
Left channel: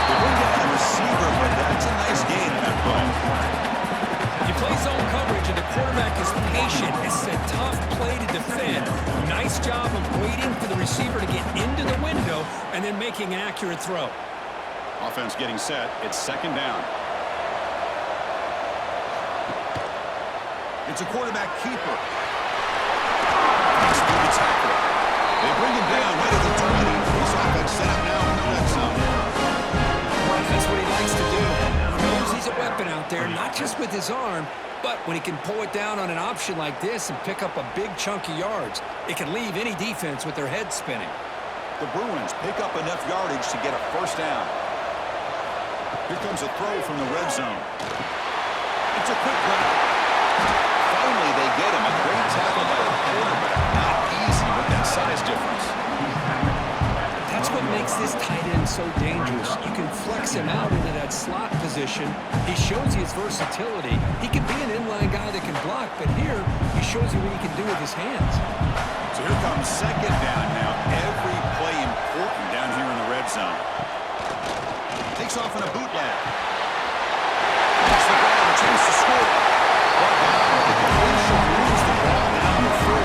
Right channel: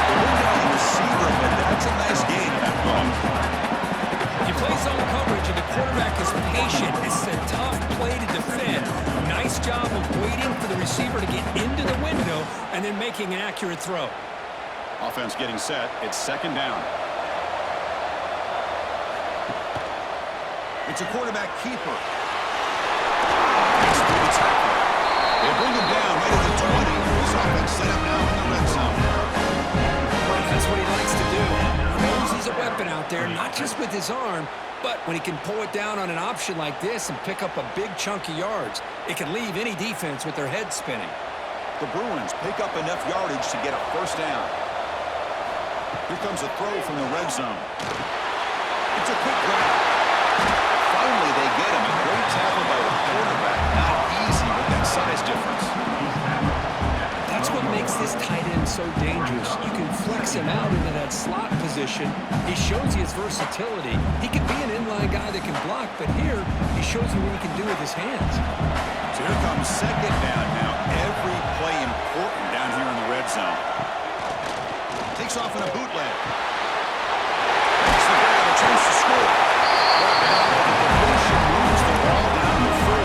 They bring down the receiver, but that's a nice gain in that play. If you play zone coverage and the quarterback is patient, it's a tough play to defend. Nice job of waiting for the receiver to get into the window and then making an accurate throw. Offense getting set. It's second down. It's a quarterback keeper. Breaks through the tackler. They bring him down right at the 20. This offense set up now in the red zone. Well, that's what he likes to do. He knows he's a weapon out there, not just with his arm, but when he can pull it down on an option like this and pick up a big chunk of yards, it can leave any defense with their head spinning. The Bruins pick up enough yardage to get a first down. Here comes a throw from the red zone. It's a quick grab. Finally, they get him. A great tackle by the quarterback. Not easy with that size difference. That's what makes this tight end so dangerous. You can flex him out into that slot position. He shows you his versatility. He could be an inline guy that can block, but here he shows you what he can do with his hands. So here comes second down now. Every play important down here in the red zone. Takes off in a bootleg. Makes the grab, a chance to score. Brought down at the completion, moves the ball down the 4.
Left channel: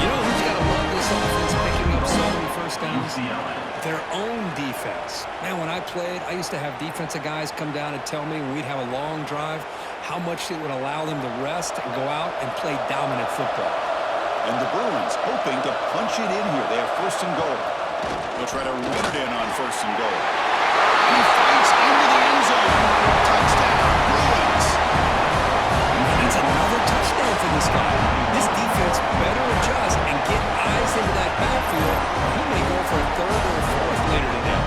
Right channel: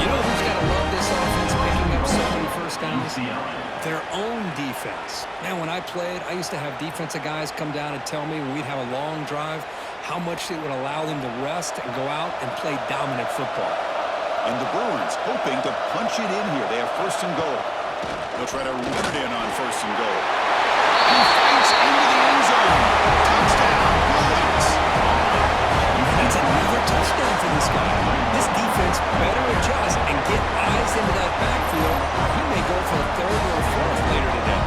You know who's got to love this offense picking up so many first downs? UCLA. Their own defense. Man, when I played, I used to have defensive guys come down and tell me when we'd have a long drive how much it would allow them to rest and go out and play dominant football. And the Bruins hoping to punch it in here. They have first and goal. They'll try to run it in on first and goal. He fights into the end zone. Touchdown, Bruins. And that's another touchdown for this guy. This defense better adjust and get eyes into that backfield, or he may go for a third or a fourth later today.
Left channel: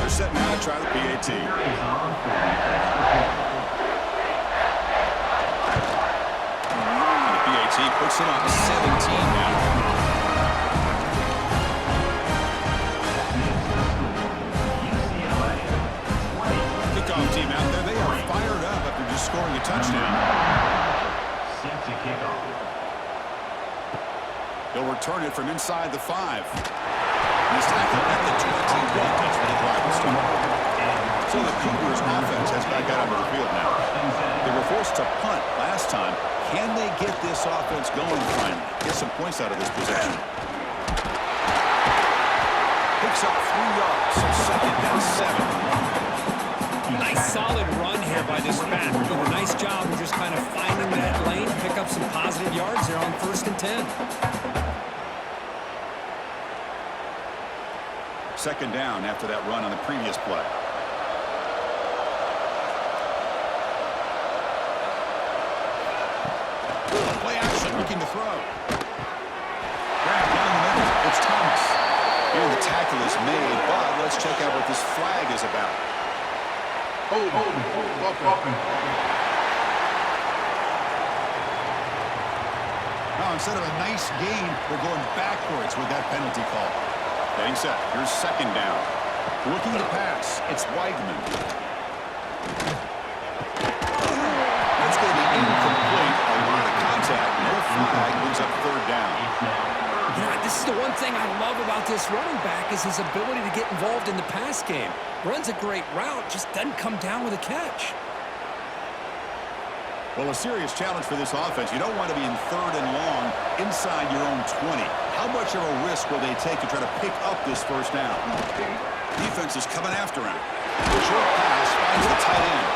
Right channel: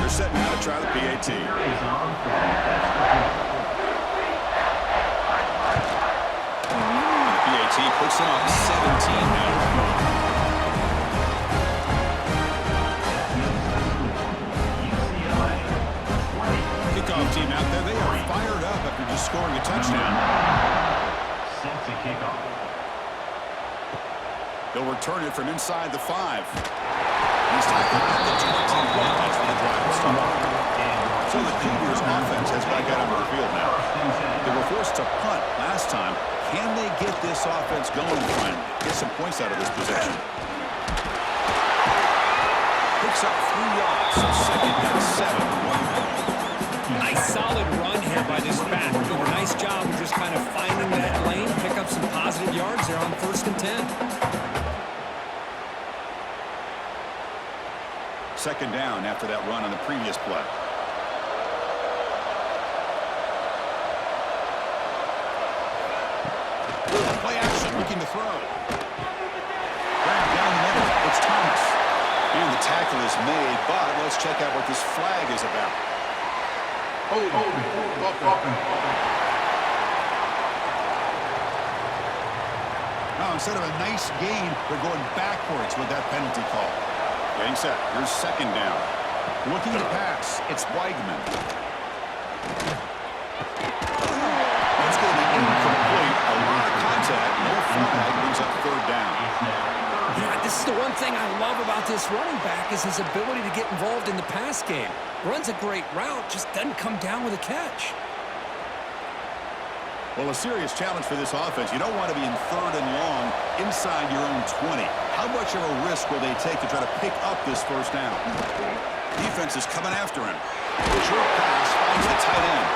They're set now to try the PAT. Is on for PAT puts them up 17 now. UCLA 20. Kickoff team out there. They are fired up after just scoring a touchdown. Set to kick off. He'll return it from inside the 5. He's tackled at the 21. That's where the drive will start. So the Cougars offense has back out onto the field now. They were forced to punt last time. Can they get this offense going finally? Get some points out of this possession. Picks up 3 yards, so second and 7. Nice solid run here by this back. Doing a nice job of just kind of finding that lane, pick up some positive yards there on first and 10. Second down after that run on the previous play. throw. Grab down the middle. It's Thomas. And the tackle is made, but let's check out what this flag is about. Hold it. Now, instead of a nice gain, they're going backwards with that penalty call. Getting set. Here's second down. Looking to pass. It's Weigman. That's going to be incomplete. A lot of contact. No flag. Brings up third down. Yeah, this is the one thing I love about this running back is his ability to get involved in the pass game. Runs a great route, just doesn't come down with a catch. Well, a serious challenge for this offense. You don't want to be in third and long inside your own 20. How much of a risk will they take to try to pick up this first down? Defense is coming after him. Short pass finds the tight end.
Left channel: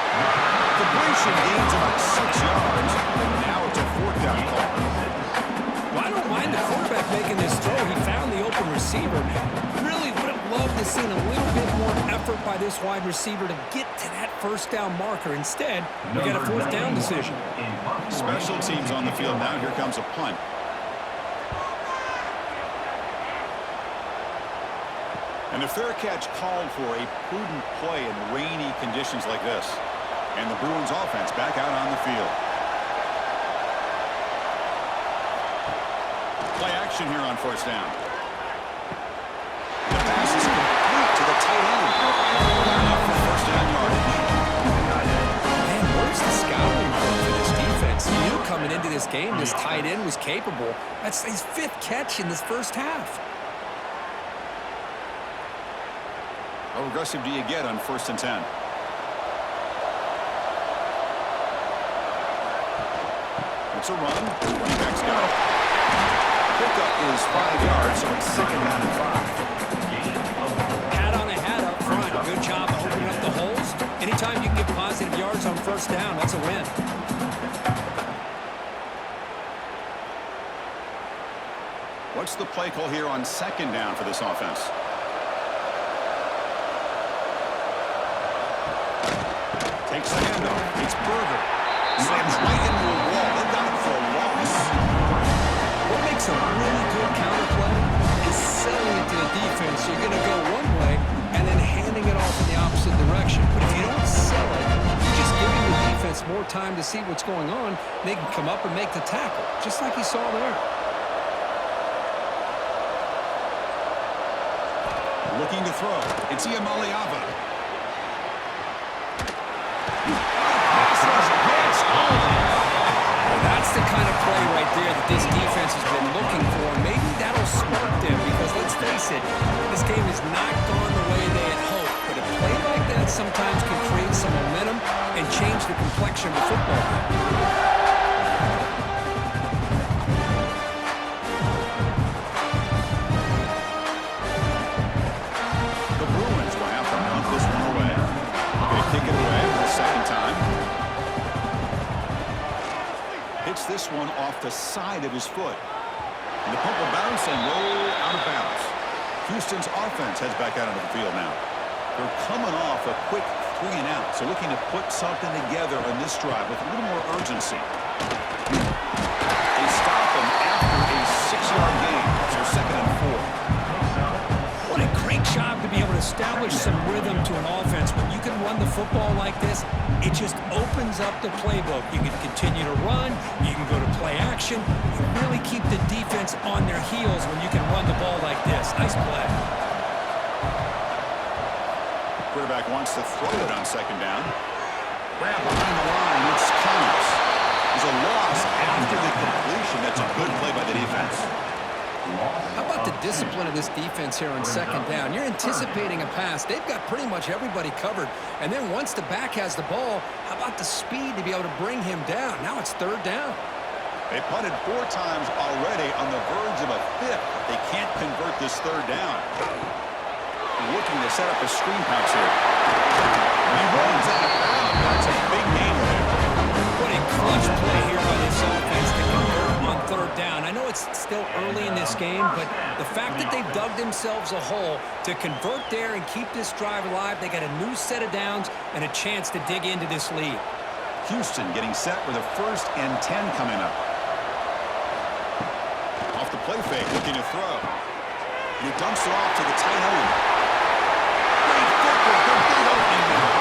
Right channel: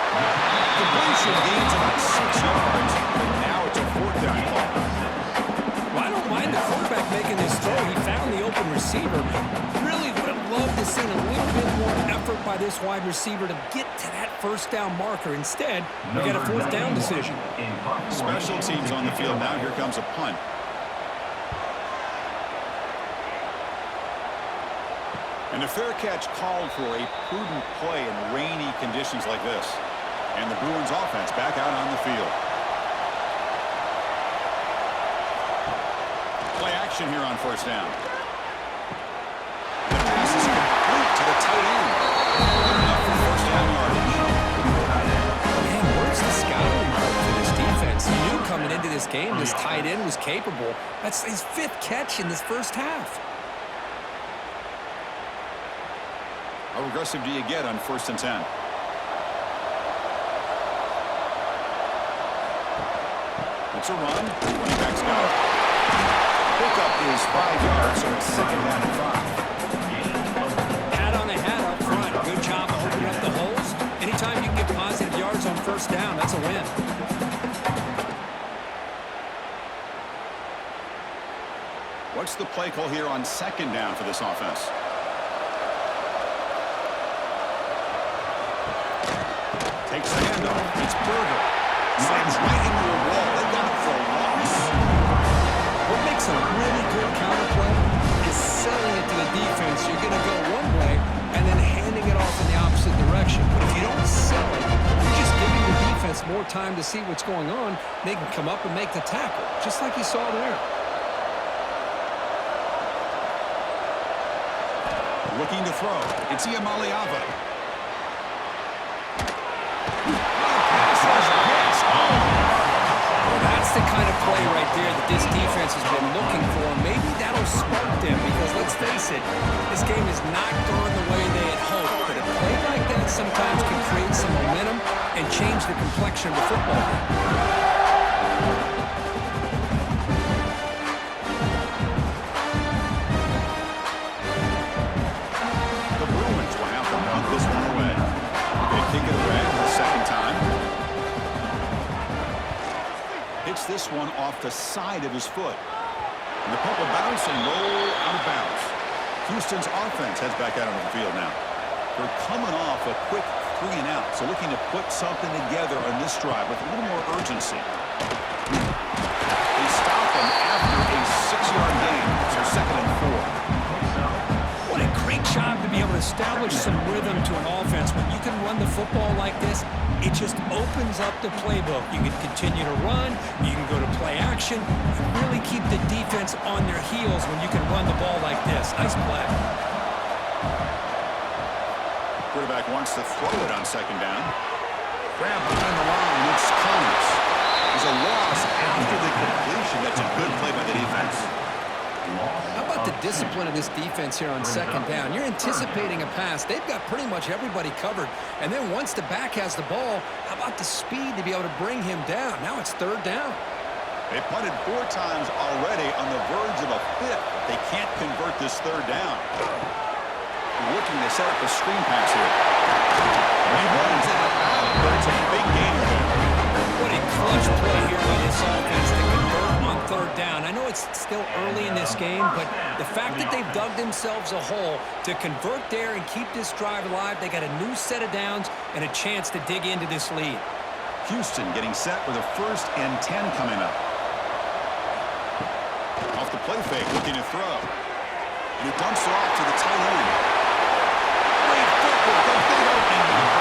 Completion gains about 6 yards, but now it's a fourth down call. Well, I don't mind the quarterback making this throw. He found the open receiver. Really would have loved to see a little bit more effort by this wide receiver to get to that first down marker. Instead, we got a fourth down decision. Special teams on the field now. Here comes a punt. And a fair catch called for a prudent play in rainy conditions like this. And the Bruins offense back out on the field. Play action here on first down. The pass is complete to the tight end. Good enough for first down yardage. Man, where's the scouting report for this defense? You knew coming into this game this tight end was capable. That's his fifth catch in this first half. How aggressive do you get on 1st and 10? It's a run. Running back's got it. Pickup is 5 yards, so it's second down and 5. Hat on a hat up front. Good job of opening up the holes. Anytime you can get positive yards on first down, that's a win. What's the play call here on second down for this offense? Takes the handoff. It's Berger. Slams right into a wall. They got him for a loss. What makes a really good counterplay is selling it to the defense. You're going to go one way and then handing it off in the opposite direction. But if you don't sell it, you're just giving the defense more time to see what's going on. They can come up and make the tackle, just like you saw there. Looking to throw. It's Iamaleava. Well, that's the kind of play right there that this defense has been looking for. Maybe that'll spark them because, let's face it, this game has not gone the way they had hoped. But a play like that sometimes can create some momentum and change the complexion of the football game. This one away. Going to kick it away for the second time. Hits this one off the side of his foot. And the punt will bounce and roll out of bounds. Houston's offense heads back out onto the field now. They're coming off a quick 3 and out, so looking to put something together on this drive with a little more urgency. They stop him after a 6-yard gain. So second and 4. What a great job to be able to establish some rhythm to an offense. When you can run the football like this, it just opens up the playbook. You can continue to run. You can go to play action. You really keep the defense on their heels when you can run the ball like this. Nice play. Quarterback wants to throw it on second down. Grab behind the line. It's Connors. There's a loss after the completion. That's a good play by the defense. How about the discipline of this defense here on second down? You're anticipating a pass. They've got pretty much everybody covered. And then once the back has the ball, how about the speed to be able to bring him down? Now it's third down. They punted 4 times already, on the verge of a 5th. They can't convert this third down. Looking to set up a screen pass here. He runs out of bounds. That's a big gain there. What a clutch play here by this offense to convert on third down. I know it's still early in this game, but the fact that they've dug themselves a hole to convert there and keep this drive alive, they got a new set of downs and a chance to dig into this lead. Houston getting set with a 1st and 10 coming up. play fake, looking to throw. And he dumps it off to the tight end. Great footwork, a big opening now.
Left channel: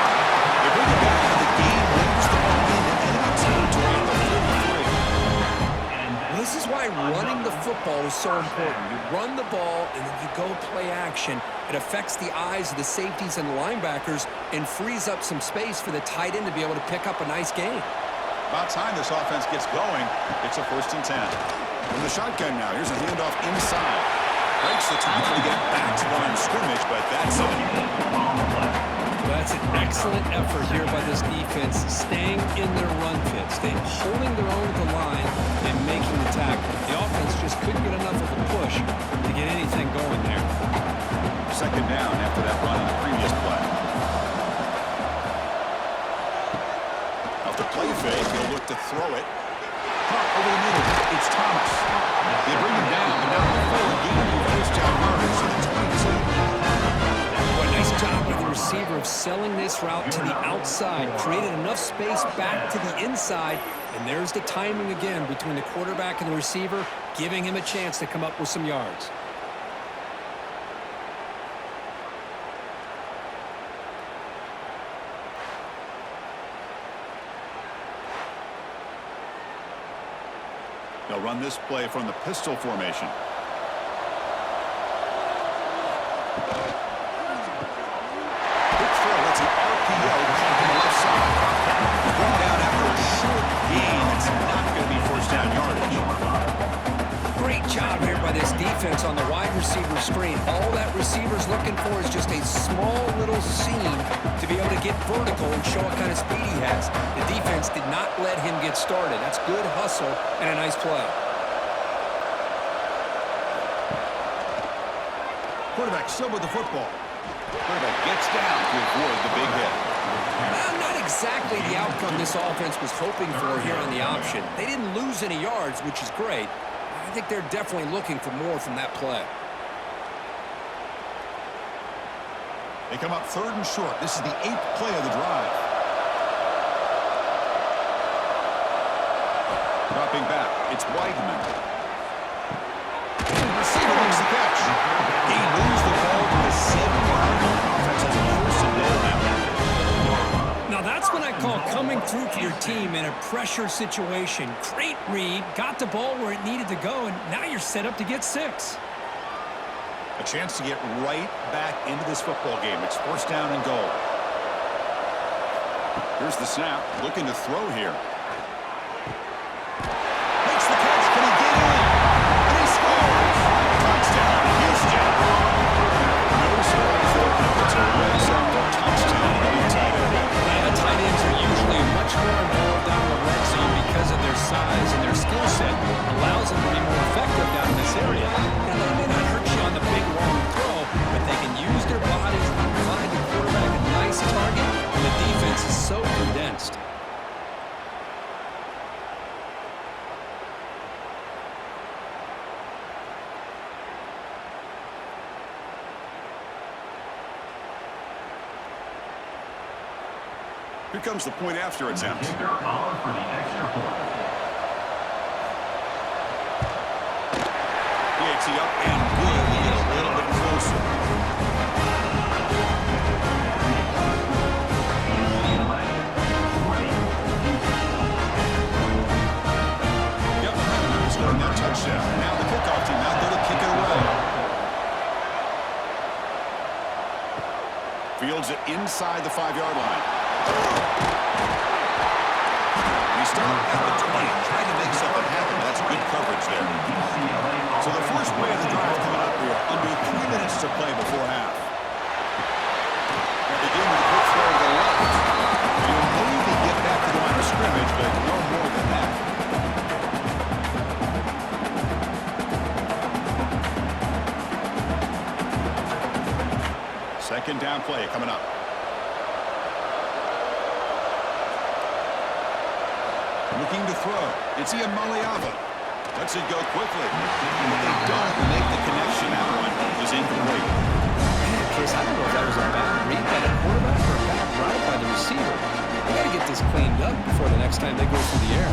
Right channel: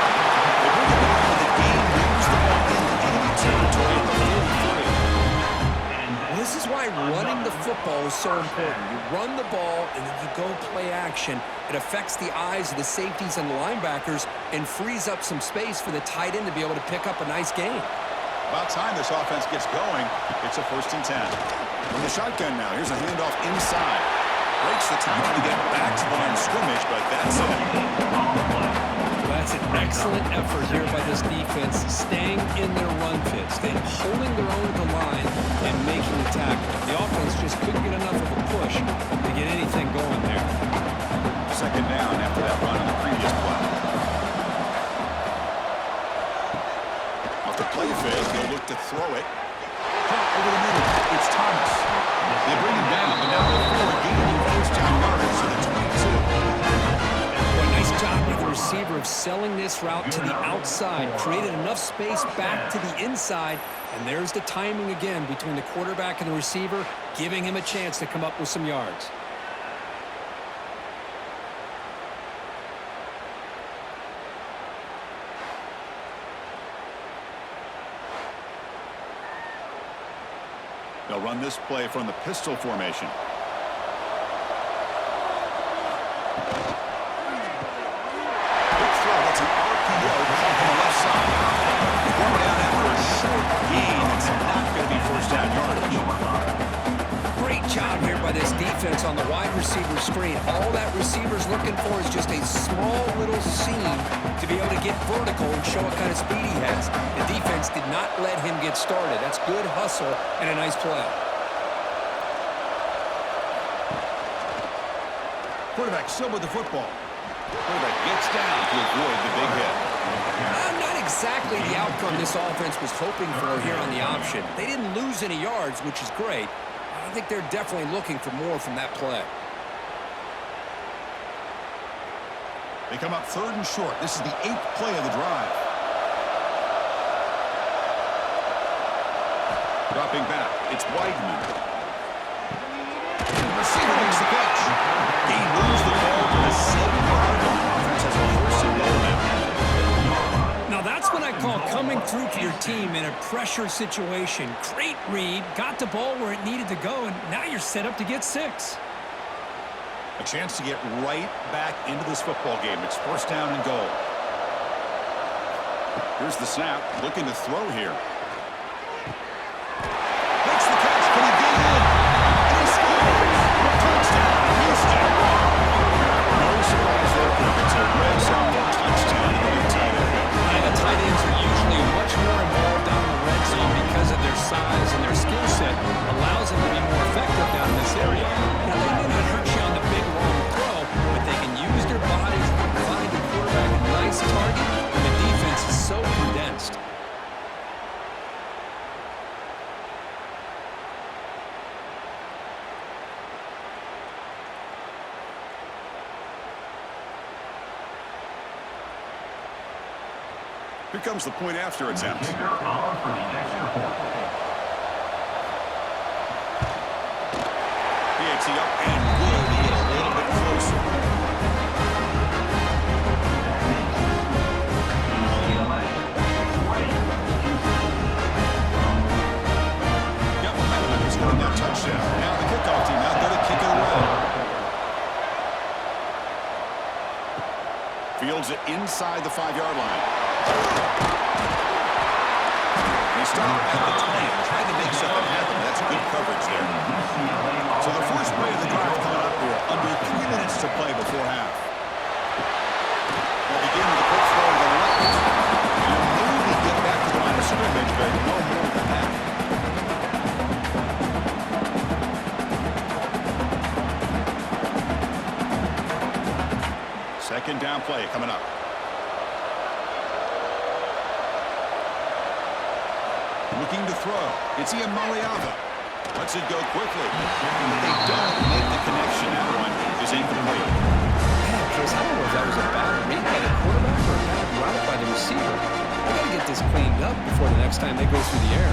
They bring it back, and the game moves the ball into enemy territory at the 43. Well, this is why running the football is so important. You run the ball, and then you go play action. It affects the eyes of the safeties and the linebackers and frees up some space for the tight end to be able to pick up a nice gain. About time this offense gets going. It's a 1st and 10. From the shotgun now, here's a handoff inside. Breaks the tackle to get back to the line of scrimmage, but that's it. That's an excellent effort here by this defense, staying in their run fit, staying holding their own at the line and making the tackle. The offense just couldn't get enough of a push to get anything going there. 2nd down after that run on the previous play. Off the play fake, he'll look to throw it. Caught over the middle. It's Thomas. They bring him down, but now before gaining 1st down yardage to the 22. Well, nice job by the receiver of selling this route to the outside. Created enough space back to the inside. And there's the timing again between the quarterback and the receiver, giving him a chance to come up with some yards. They'll run this play from the pistol formation. Big throw. That's an RPO caught on the left side. He's going down after a short gain. It's not going to be 1st down yardage. Great job here by this defense on the wide receiver screen. All that receiver's looking for is just a small little seam to be able to get vertical and show what kind of speed he has. The defense did not let him get started. That's good hustle and a nice play. Quarterback still with the football. Quarterback gets down to avoid the big hit. Not exactly the outcome this offense was hoping for here on the option. They didn't lose any yards, which is great. I think they're definitely looking for more from that play. They come up 3rd and short. This is the 8th play of the drive. Dropping back, it's Weidman. The receiver makes the catch. He moves the ball to the 7-yard line. Offense has a 1st and goal now. Now that's what I call coming through for your team in a pressure situation. Great read, got the ball where it needed to go, and now you're set up to get 6. A chance to get right back into this football game. It's 1st down and goal. Here's the snap, looking to throw here. Makes the catch, can he get in? And he scores! Touchdown, Houston! No surprise there, it's a red zone touchdown to the tight end. The tight ends are usually much more involved down in the red zone because of their size and their skill set. Allows them to be more effective down in this area. Now, they may not hurt you on the big, long throw, but they can use their bodies to provide the quarterback a nice target, and the defense is so condensed. Here comes the point after attempt. Kicker on for the extra point. PAT up and good to get a little bit closer. UCLA 20. Got momentum after scoring that touchdown. Now the kickoff team out there to kick it away. Fields it inside the 5-yard line. He stopped at the 20, trying to make something happen. That's good coverage there. So the first play of the drive coming up here, under 3 minutes to play before half. They'll begin with a quick throw to the left. And he'll maybe get back to the line of scrimmage, but no more than that. Second down play coming up. Looking to throw. It's Ian Maliava. Lets it go quickly. But they don't make the connection. That one is incomplete. Man, Chris, I don't know if that was a bad read by the quarterback or a bad route by the receiver. I got to get this cleaned up before the next time they go through the air.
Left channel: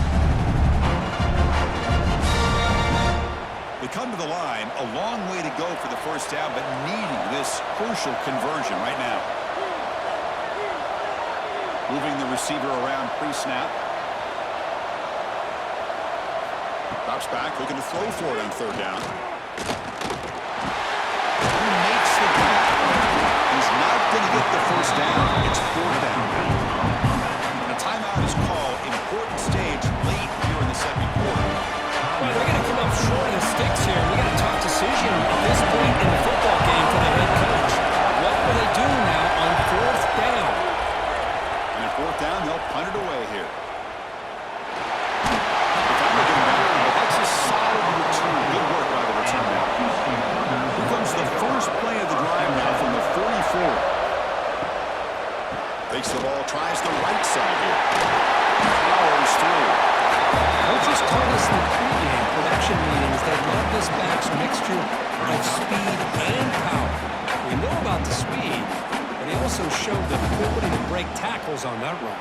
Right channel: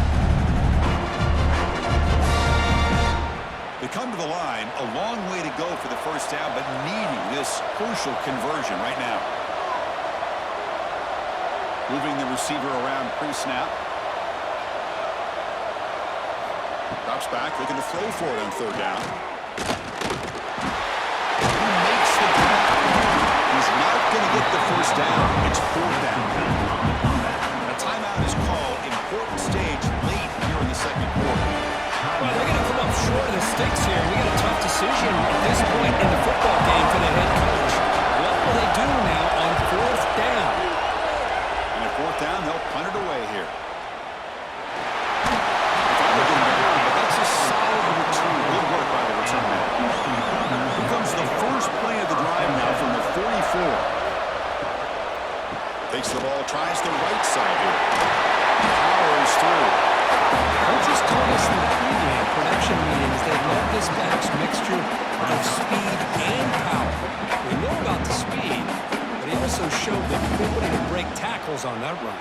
They come to the line, a long way to go for the first down, but needing this crucial conversion right now. Moving the receiver around pre-snap. Drops back, looking to throw for it on third down. Who makes the grab? He's not going to get the first down. It's fourth down. A timeout is called. Important stage late here in the second quarter. Well, they're going to come up short of the sticks here. We got a tough decision at this point in the football game for the head coach. What will they do now on fourth down? And at fourth down, they'll punt it away here. If I were getting better, but that's a solid return. Good work by the return man. Here comes the first play of the drive now from the 44. Takes the ball, tries the right side here. Powers through. Coaches told us in the pregame production meetings they love this back's mixture of speed and power. We know about the speed, but he also showed the ability to break tackles on that run.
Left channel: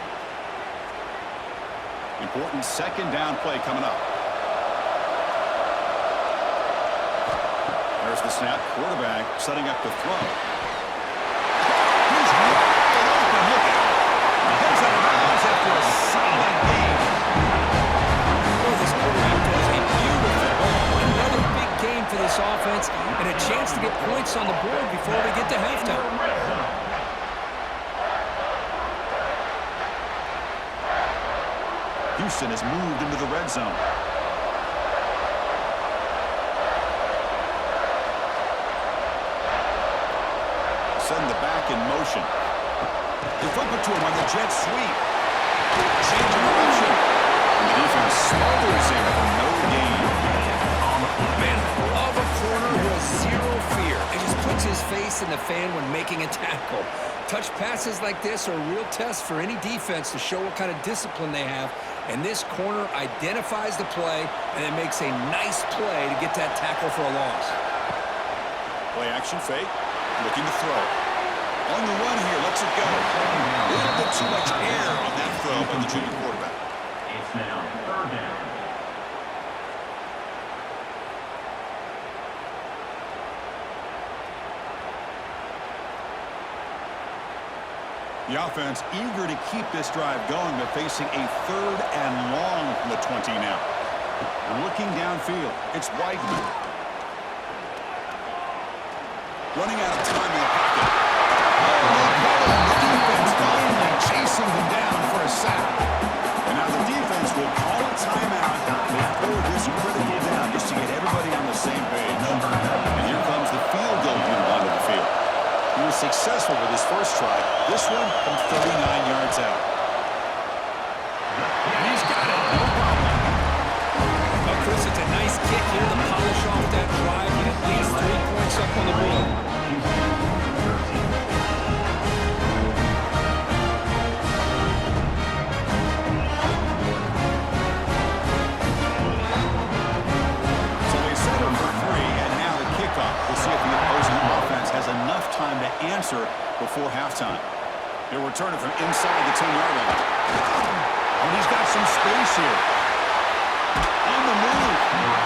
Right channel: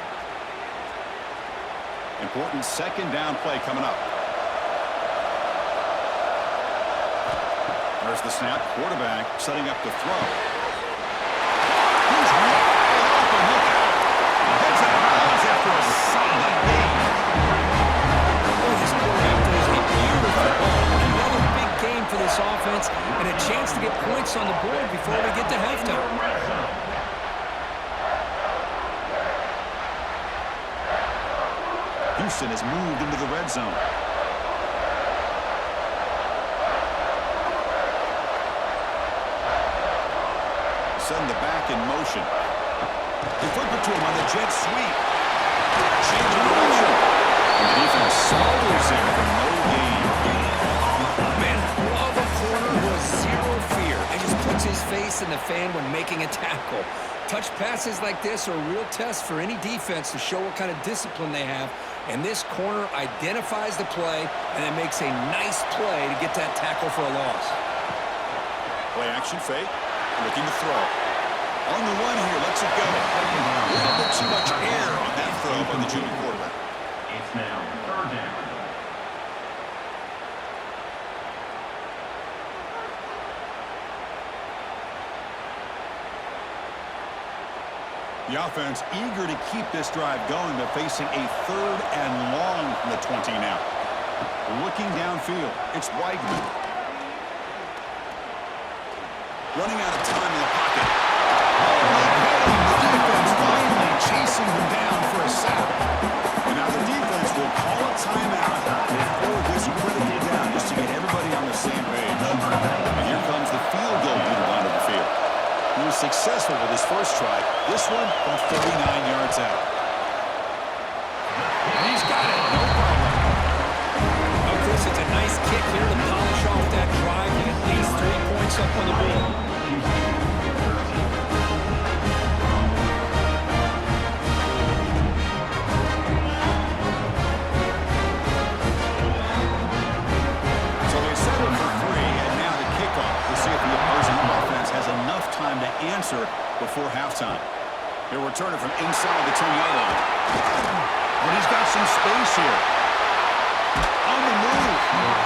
Important second down play coming up. There's the snap. Quarterback setting up the throw. He's wide open. Look out. Heads out of bounds after a solid gain. Boy, this quarterback throws a beautiful ball. Another big game for this offense and a chance to get points on the board before we get to halftime. Houston has moved into the red zone. Send the back in motion. They flip it to him on the jet sweep. Change of direction. And the defense smothers him for no gain. Man, I love a corner who has zero fear and just puts his face in the fan when making a tackle. Touch passes like this are a real test for any defense to show what kind of discipline they have. And this corner identifies the play and then makes a nice play to get that tackle for a loss. Play action fake. Looking to throw. On the run here, lets it go. A little bit too much air on that throw by the junior quarterback. It's now third down. The offense eager to keep this drive going, but facing a third and long from the 20 now. Looking downfield, it's Weigman. Running out of time in the pocket. Oh, they get him. The defense finally chasing him down for a sack. And now the defense will call a timeout before this critical down, just to get everybody on the same page. And here comes the field goal unit onto the field. He was successful with his first try. This one from 39 yards out. And he's got it. No problem. Oh, Chris, it's a nice kick here to polish off that drive with at least 3 points up on the board. So they settle for 3, and now the kickoff. We'll see if the opposing offense has enough time to answer before halftime. He'll return it from inside the 10-yard line. And he's got some space here. On the move.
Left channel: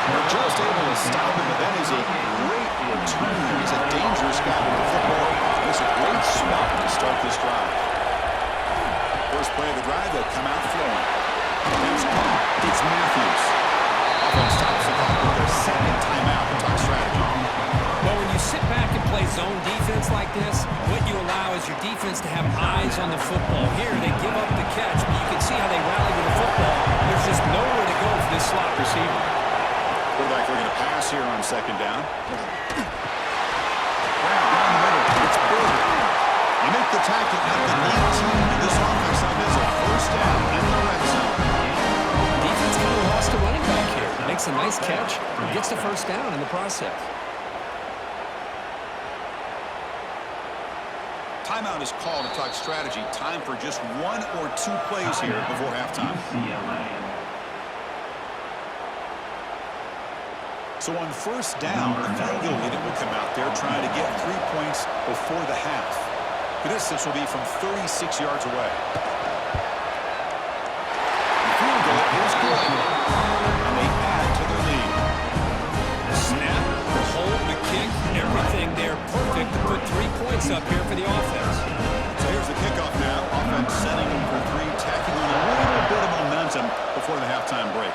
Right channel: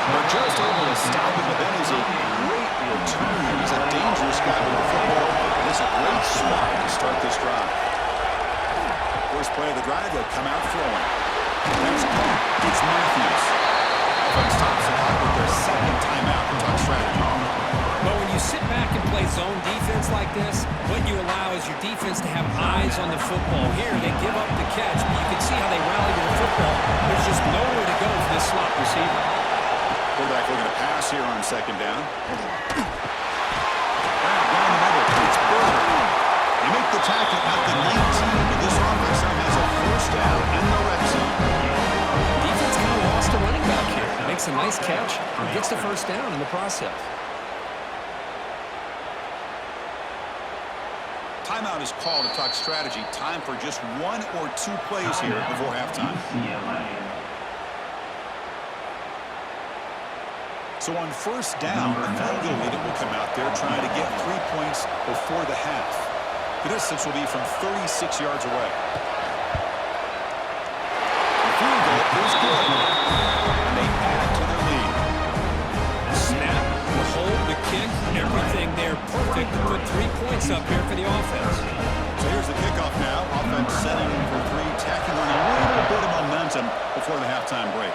They're just able to stop him, but that is a great return. He's a dangerous guy with the football. And it's a great spot to start this drive. First play of the drive, they'll come out throwing. That's caught. It's Matthews. Offense stops the clock with their second timeout to talk strategy. Well, when you sit back and play zone defense like this, what you allow is your defense to have eyes on the football. Here, they give up the catch, but you can see how they rally to the football. There's just nowhere to go for this slot receiver. Quarterback looking to pass here on second down. Grab down the middle. It's Burger. You make the tackle at the 19, and this offense now has a first down in the red zone. Defense kind of lost a running back here. Makes a nice catch, gets the first down in the process. Timeout is called to talk strategy. Time for just 1 or 2 plays here before halftime. UCLA. So on first down, the field goal unit will come out there trying to get 3 points before the half. The distance will be from 36 yards away. The field goal is good, and they add to their lead. the kick, everything there perfect to put 3 points up here for the offense. So here's the kickoff now. Offense setting for 3, tacking on a little bit of momentum before the halftime break.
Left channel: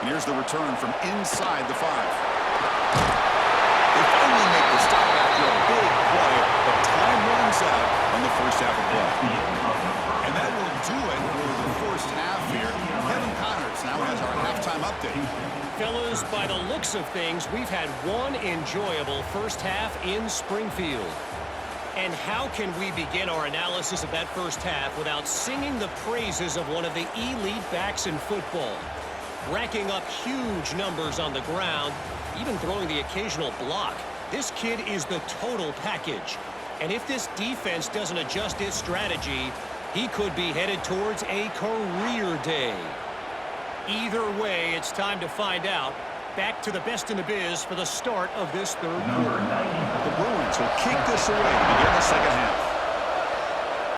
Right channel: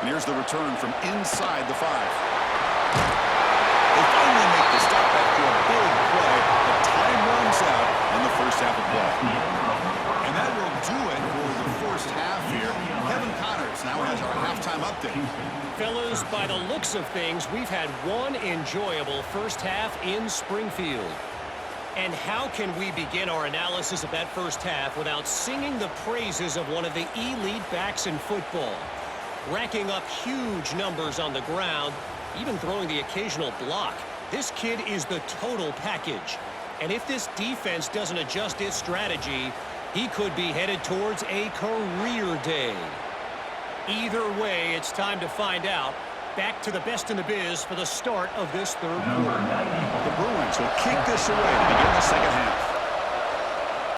And here's the return from inside the 5. They finally make the stop after a big play, but time runs out on the first half of play. And that will do it for the first half here. Kevin Connors now has our halftime update. Fellas, by the looks of things, we've had one enjoyable first half in Springfield. And how can we begin our analysis of that first half without singing the praises of one of the elite backs in football? Racking up huge numbers on the ground, even throwing the occasional block. This kid is the total package. And if this defense doesn't adjust its strategy, he could be headed towards a career day. Either way, it's time to find out. Back to the best in the biz for the start of this third quarter. The Bruins will kick this away to begin the second half.